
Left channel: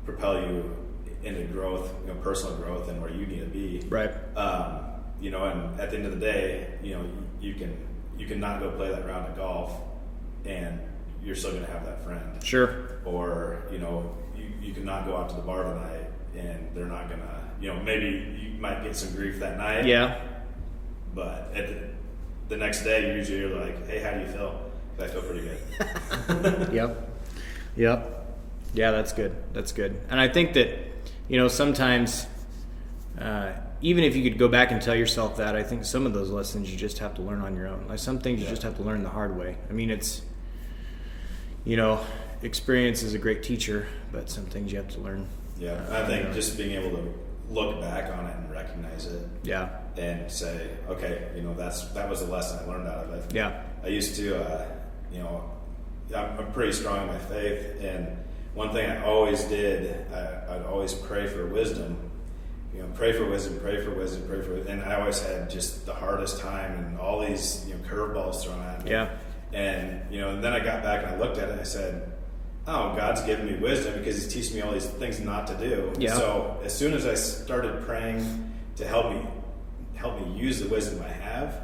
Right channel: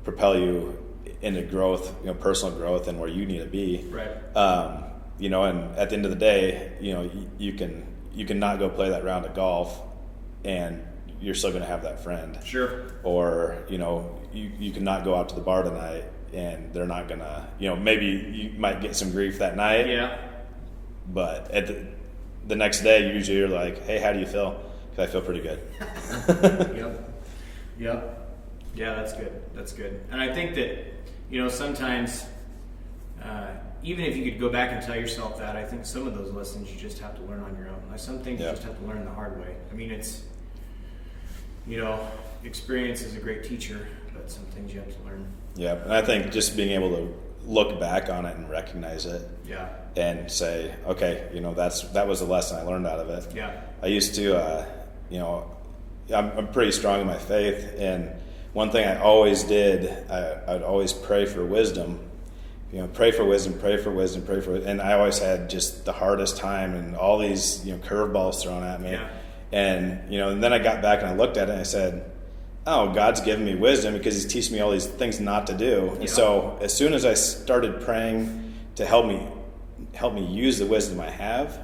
propel you into growth, personal growth, and where you need to be. Right. And at the end of the day, you can not go play that round of golf, and you're still going to have that friend. Sure. Or you cannot go out to the bar tonight, and they're not gonna. Maybe you might get some grief that night. Yeah. But at the next day, usually you're like, "Hey, how do you feel?" Because I feel pretty good. Yep. Yeah, that's good. And I think that sometimes even if you could go back and tell yourself that, I think some of those lessons you just have to learn on your own. Like some things you just have to learn the hard way. I mean, it's experience is a great teacher, but some things you have to learn. Yeah, and I think just being able to look back on it and recognize it. Yeah. And say, okay, that was the lesson I learned out of it. Yeah. I used to, I'm pretty strong in my faith, and one thing I always did, I'd always pray for wisdom. Pray for wisdom, and I always had just the hardest time and all these curveballs thrown at me. Yeah. And and then I got back and I looked at it and I said, oh, God's given me wisdom because He's teaching me all these things not to do. Yeah. And so as soon as I started praying to help me use the wisdom I have,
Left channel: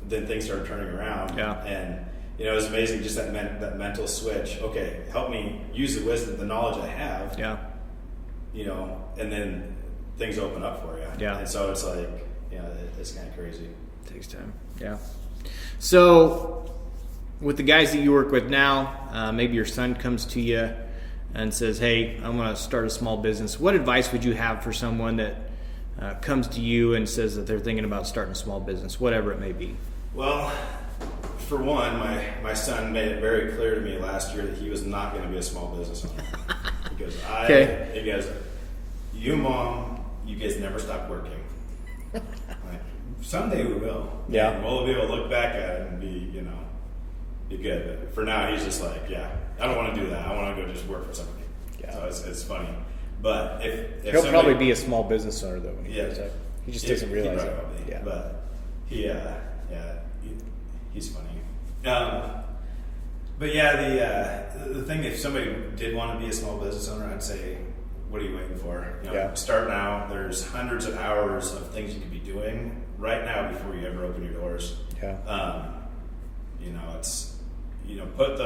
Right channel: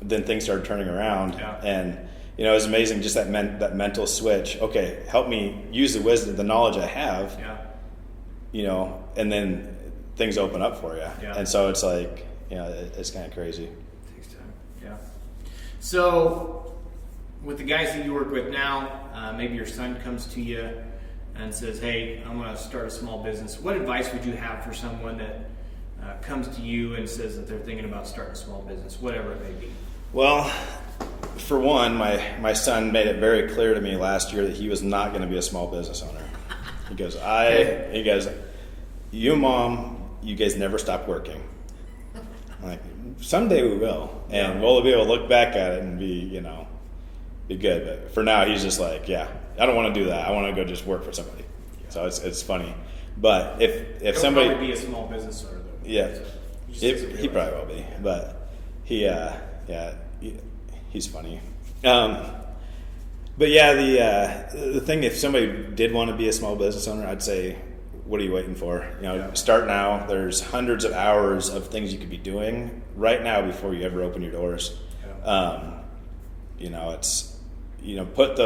then things started turning around. Yeah. And it was amazing, just that mental switch. Okay, help me use the wisdom, the knowledge I have. Yeah. And then things open up for you. Yeah. And so it's like, it's kind of crazy. It takes time. Yeah. So with the guys that you work with now, maybe your son comes to you and says, hey, I want to start a small business. What advice would you have for someone that comes to you and says that they're thinking about starting a small business, whatever it may be? Well, for one, my son made it very clear to me last year that he was not going to be a small business owner. He goes, you, Mom, you guys never stop working. I'm like, someday we will. And we'll be able to look back at it and be good. But for now, he's just like, I don't want to do that. I want to go just work for somebody. Yeah. So it's funny. But if He'll somebody, probably be a small business owner though. yeah, He just doesn't realize he probably it. will be. Yeah. But he's funny. But yeah, the thing, if somebody did want to be a small business owner, I'd say, what are you waiting for? Start now. There's hundreds of hours of things you could be doing right now before you ever open your doors. Yeah. It's put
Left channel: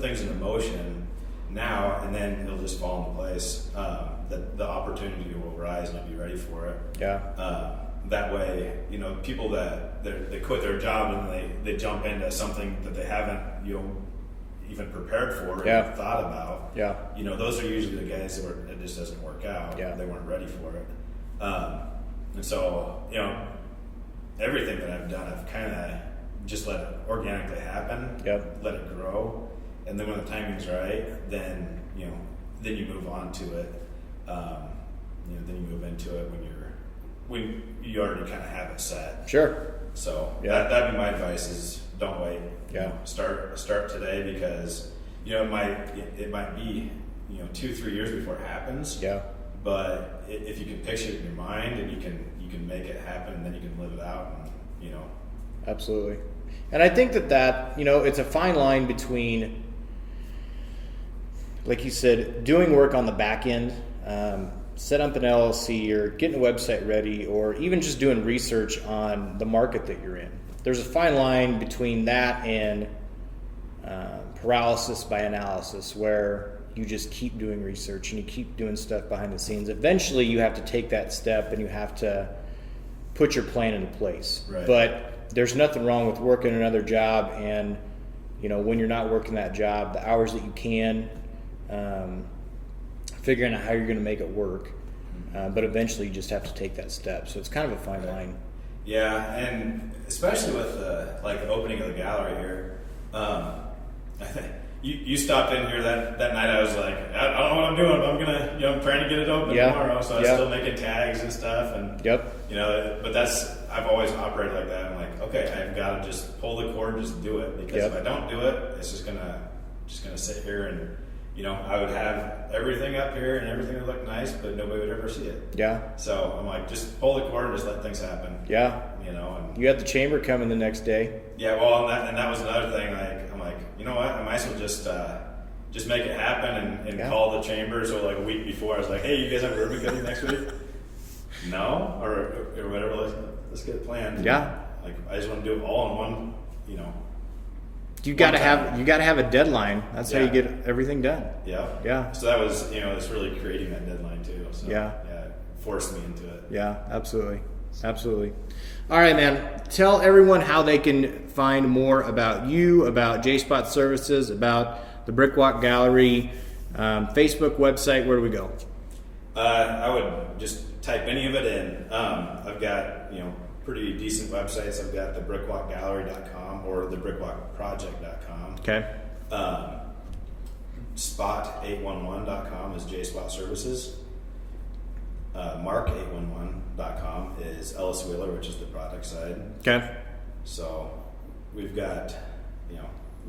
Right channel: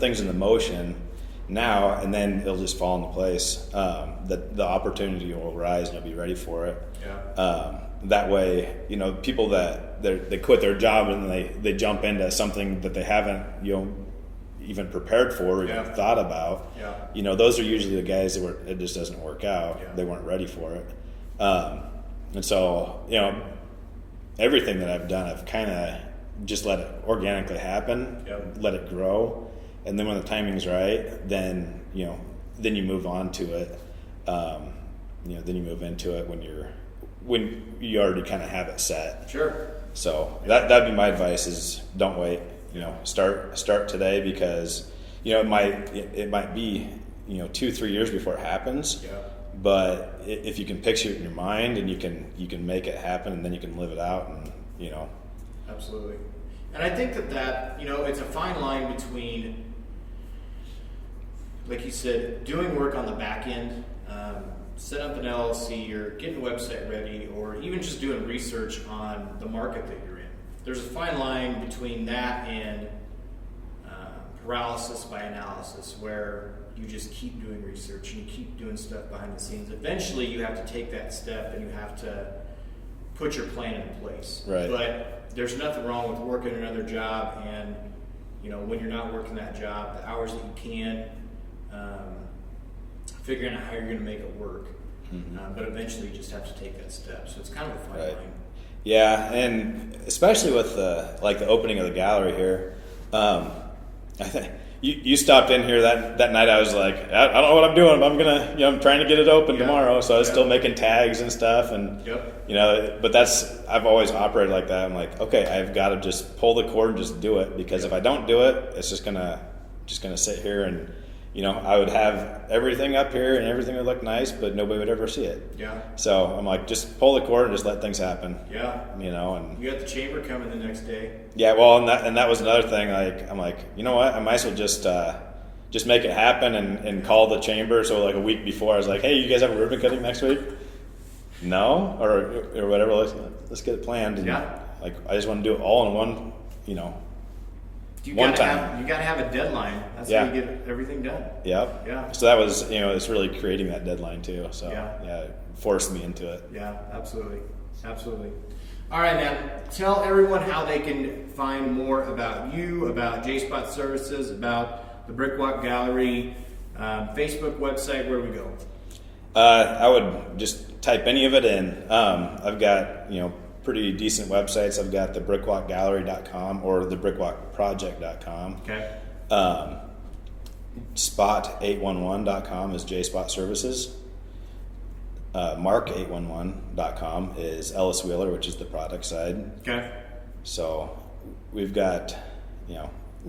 things into motion now, and then it'll just fall into place. The opportunity will arise, and you'll be ready for it. Yeah. That way, people that they quit their job and they jump into something that they haven't even prepared for or even thought about. Yeah. Those are usually the guys that it just doesn't work out. Yeah. They weren't ready for it. And so, everything that I've done, I've kind of just let it organically happen. Yep. Let it grow. And then when the timing's right, then you move on to it. Then you move into it when you already kind of have it set. Sure. So that'd be my advice: is don't wait. Start today, because it might be 2-3 years before it happens. Yeah. But if you can picture it in your mind and you can make it happen, and then you can live it out, and Absolutely. And I think that it's a fine line between, like you said, doing work on the back end, set up an LLC or getting a website ready, or even just doing research on the market that you're in. There's a fine line between that and paralysis by analysis, where you just keep doing research and you keep doing stuff behind the scenes. Eventually you have to take that step and you have to put your plan into place. Right. But there's nothing wrong with working another job, and when you're not working that job, the hours that you can, figuring out how you're going to make it work. Mm-hmm. But eventually you just have to take that step. So it's kind of a fine line. Yeah, and especially with the opening of the gallery here, I think you stopped in here that night. I was like, I don't know what I'm doing, but I'm gonna, I'm trying to get it open tomorrow. So I was still making tags and stuff, and but I've always operated like that. I'm like, okay, I've got to just pull the cord and just do it, because if I don't do it, it's just gonna sit here, and I would have everything up here and everything would look nice, but nobody would ever see it. Yeah. So I'm like, just pull the cord and just let things happen. Yeah. And you got the chamber coming the next day. Yeah. Well, and that was another thing. Like, I'm like, you know what? I might as well just make it happen and call the chamber. So like a week before, I was like, hey, you guys have a ribbon cutting next week? No, or whatever. Let's get it planned. And like, I just want to do it all in one. You gotta have a deadline. That's how you get everything done. Yeah. Yeah. So that was, it's really creating that deadline too. So it forced me into it. Yeah, absolutely. Absolutely. All right, man. Tell everyone how they can find more about you, about J-Spot Services, about the Brickwalk Gallery, Facebook, website. Where do we go? I would just type any of it in. I've got, pretty decent websites. I've got the brickwalkgallery.com or the brickwalkproject.com. Okay. Spot811.com is J-Spot Services. Mark811.com is Ellis Wheeler, which is the product side. Okay. So we've got,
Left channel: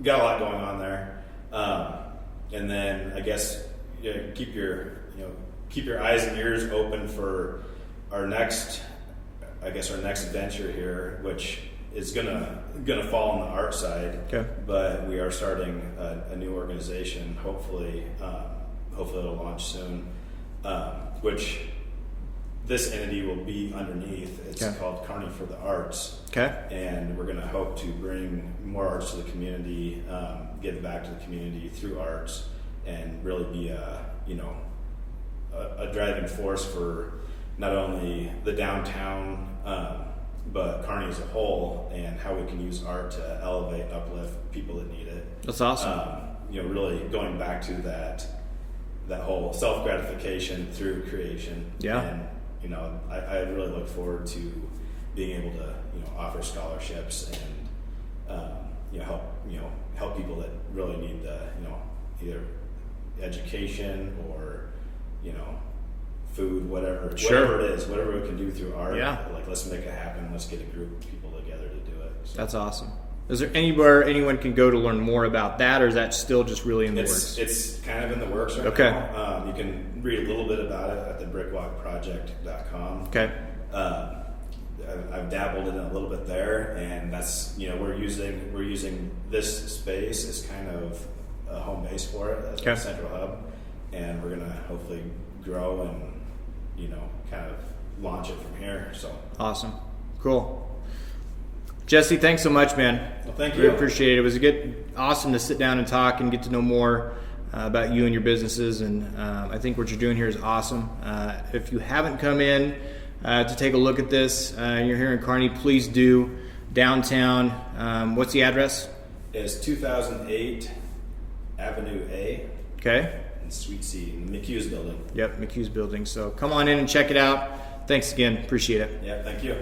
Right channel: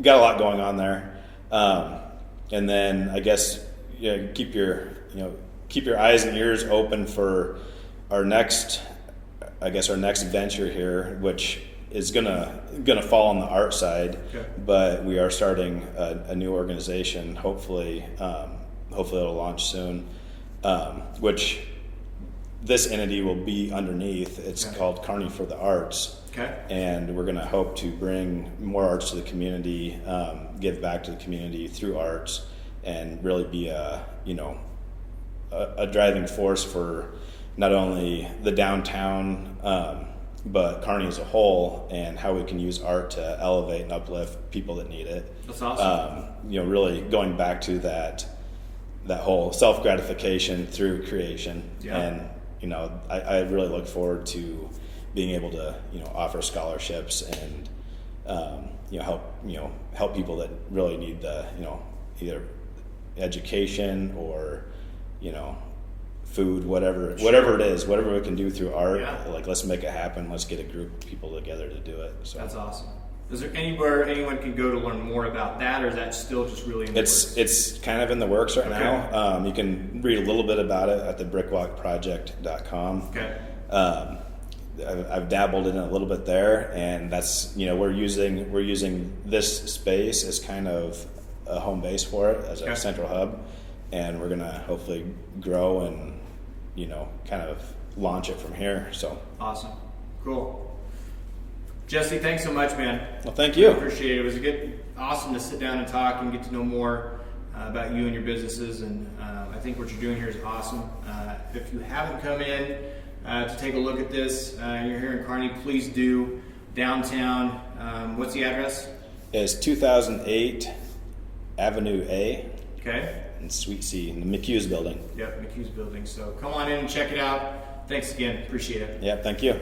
got a lot going on there. And then I guess keep your eyes and ears open for our next venture here, which is gonna fall on the art side. Okay. But we are starting a new organization. Hopefully it'll launch soon. Which this entity will be underneath. It's called Kearney for the Arts. Okay. And we're gonna hope to bring more arts to the community, give back to the community through arts, and really be a driving force for not only the downtown, but Kearney as a whole, and how we can use art to elevate and uplift people that need it. That's awesome. Really going back to that whole self-gratification through creation. Yeah. And, I really look forward to being able to, offer scholarships and, help people that really need the, either education or, food, whatever it is, whatever we can do through art. Yeah. Like, let's make it happen. Let's get a group of people together to do it. So. That's awesome. Is there anywhere anyone can go to learn more about that, or is that still just really in the works? It's kind of in the works right Okay. now. You can read a little bit about it at the brickwalkproject.com. Okay. I've dabbled in it a little bit there, and that's, we're using this space as kind of a home base for it, as our central hub, and we're gonna hopefully grow and kind of launch it from here. So awesome, cool. Jesse, thanks so much, man. Well, thank you. I appreciate it. It was awesome to sit down and talk and get to know more about you and your businesses, and I think what you're doing here is awesome. If you haven't come in to take a look at this, and you're here in Kearney, please do. Downtown, what's the address? It's 2008 Avenue A. Okay. In Suite C, in the McHugh's building. Yep, McHugh's building. So come on in and check it out. Thanks again. Appreciate it. Yeah, thank you.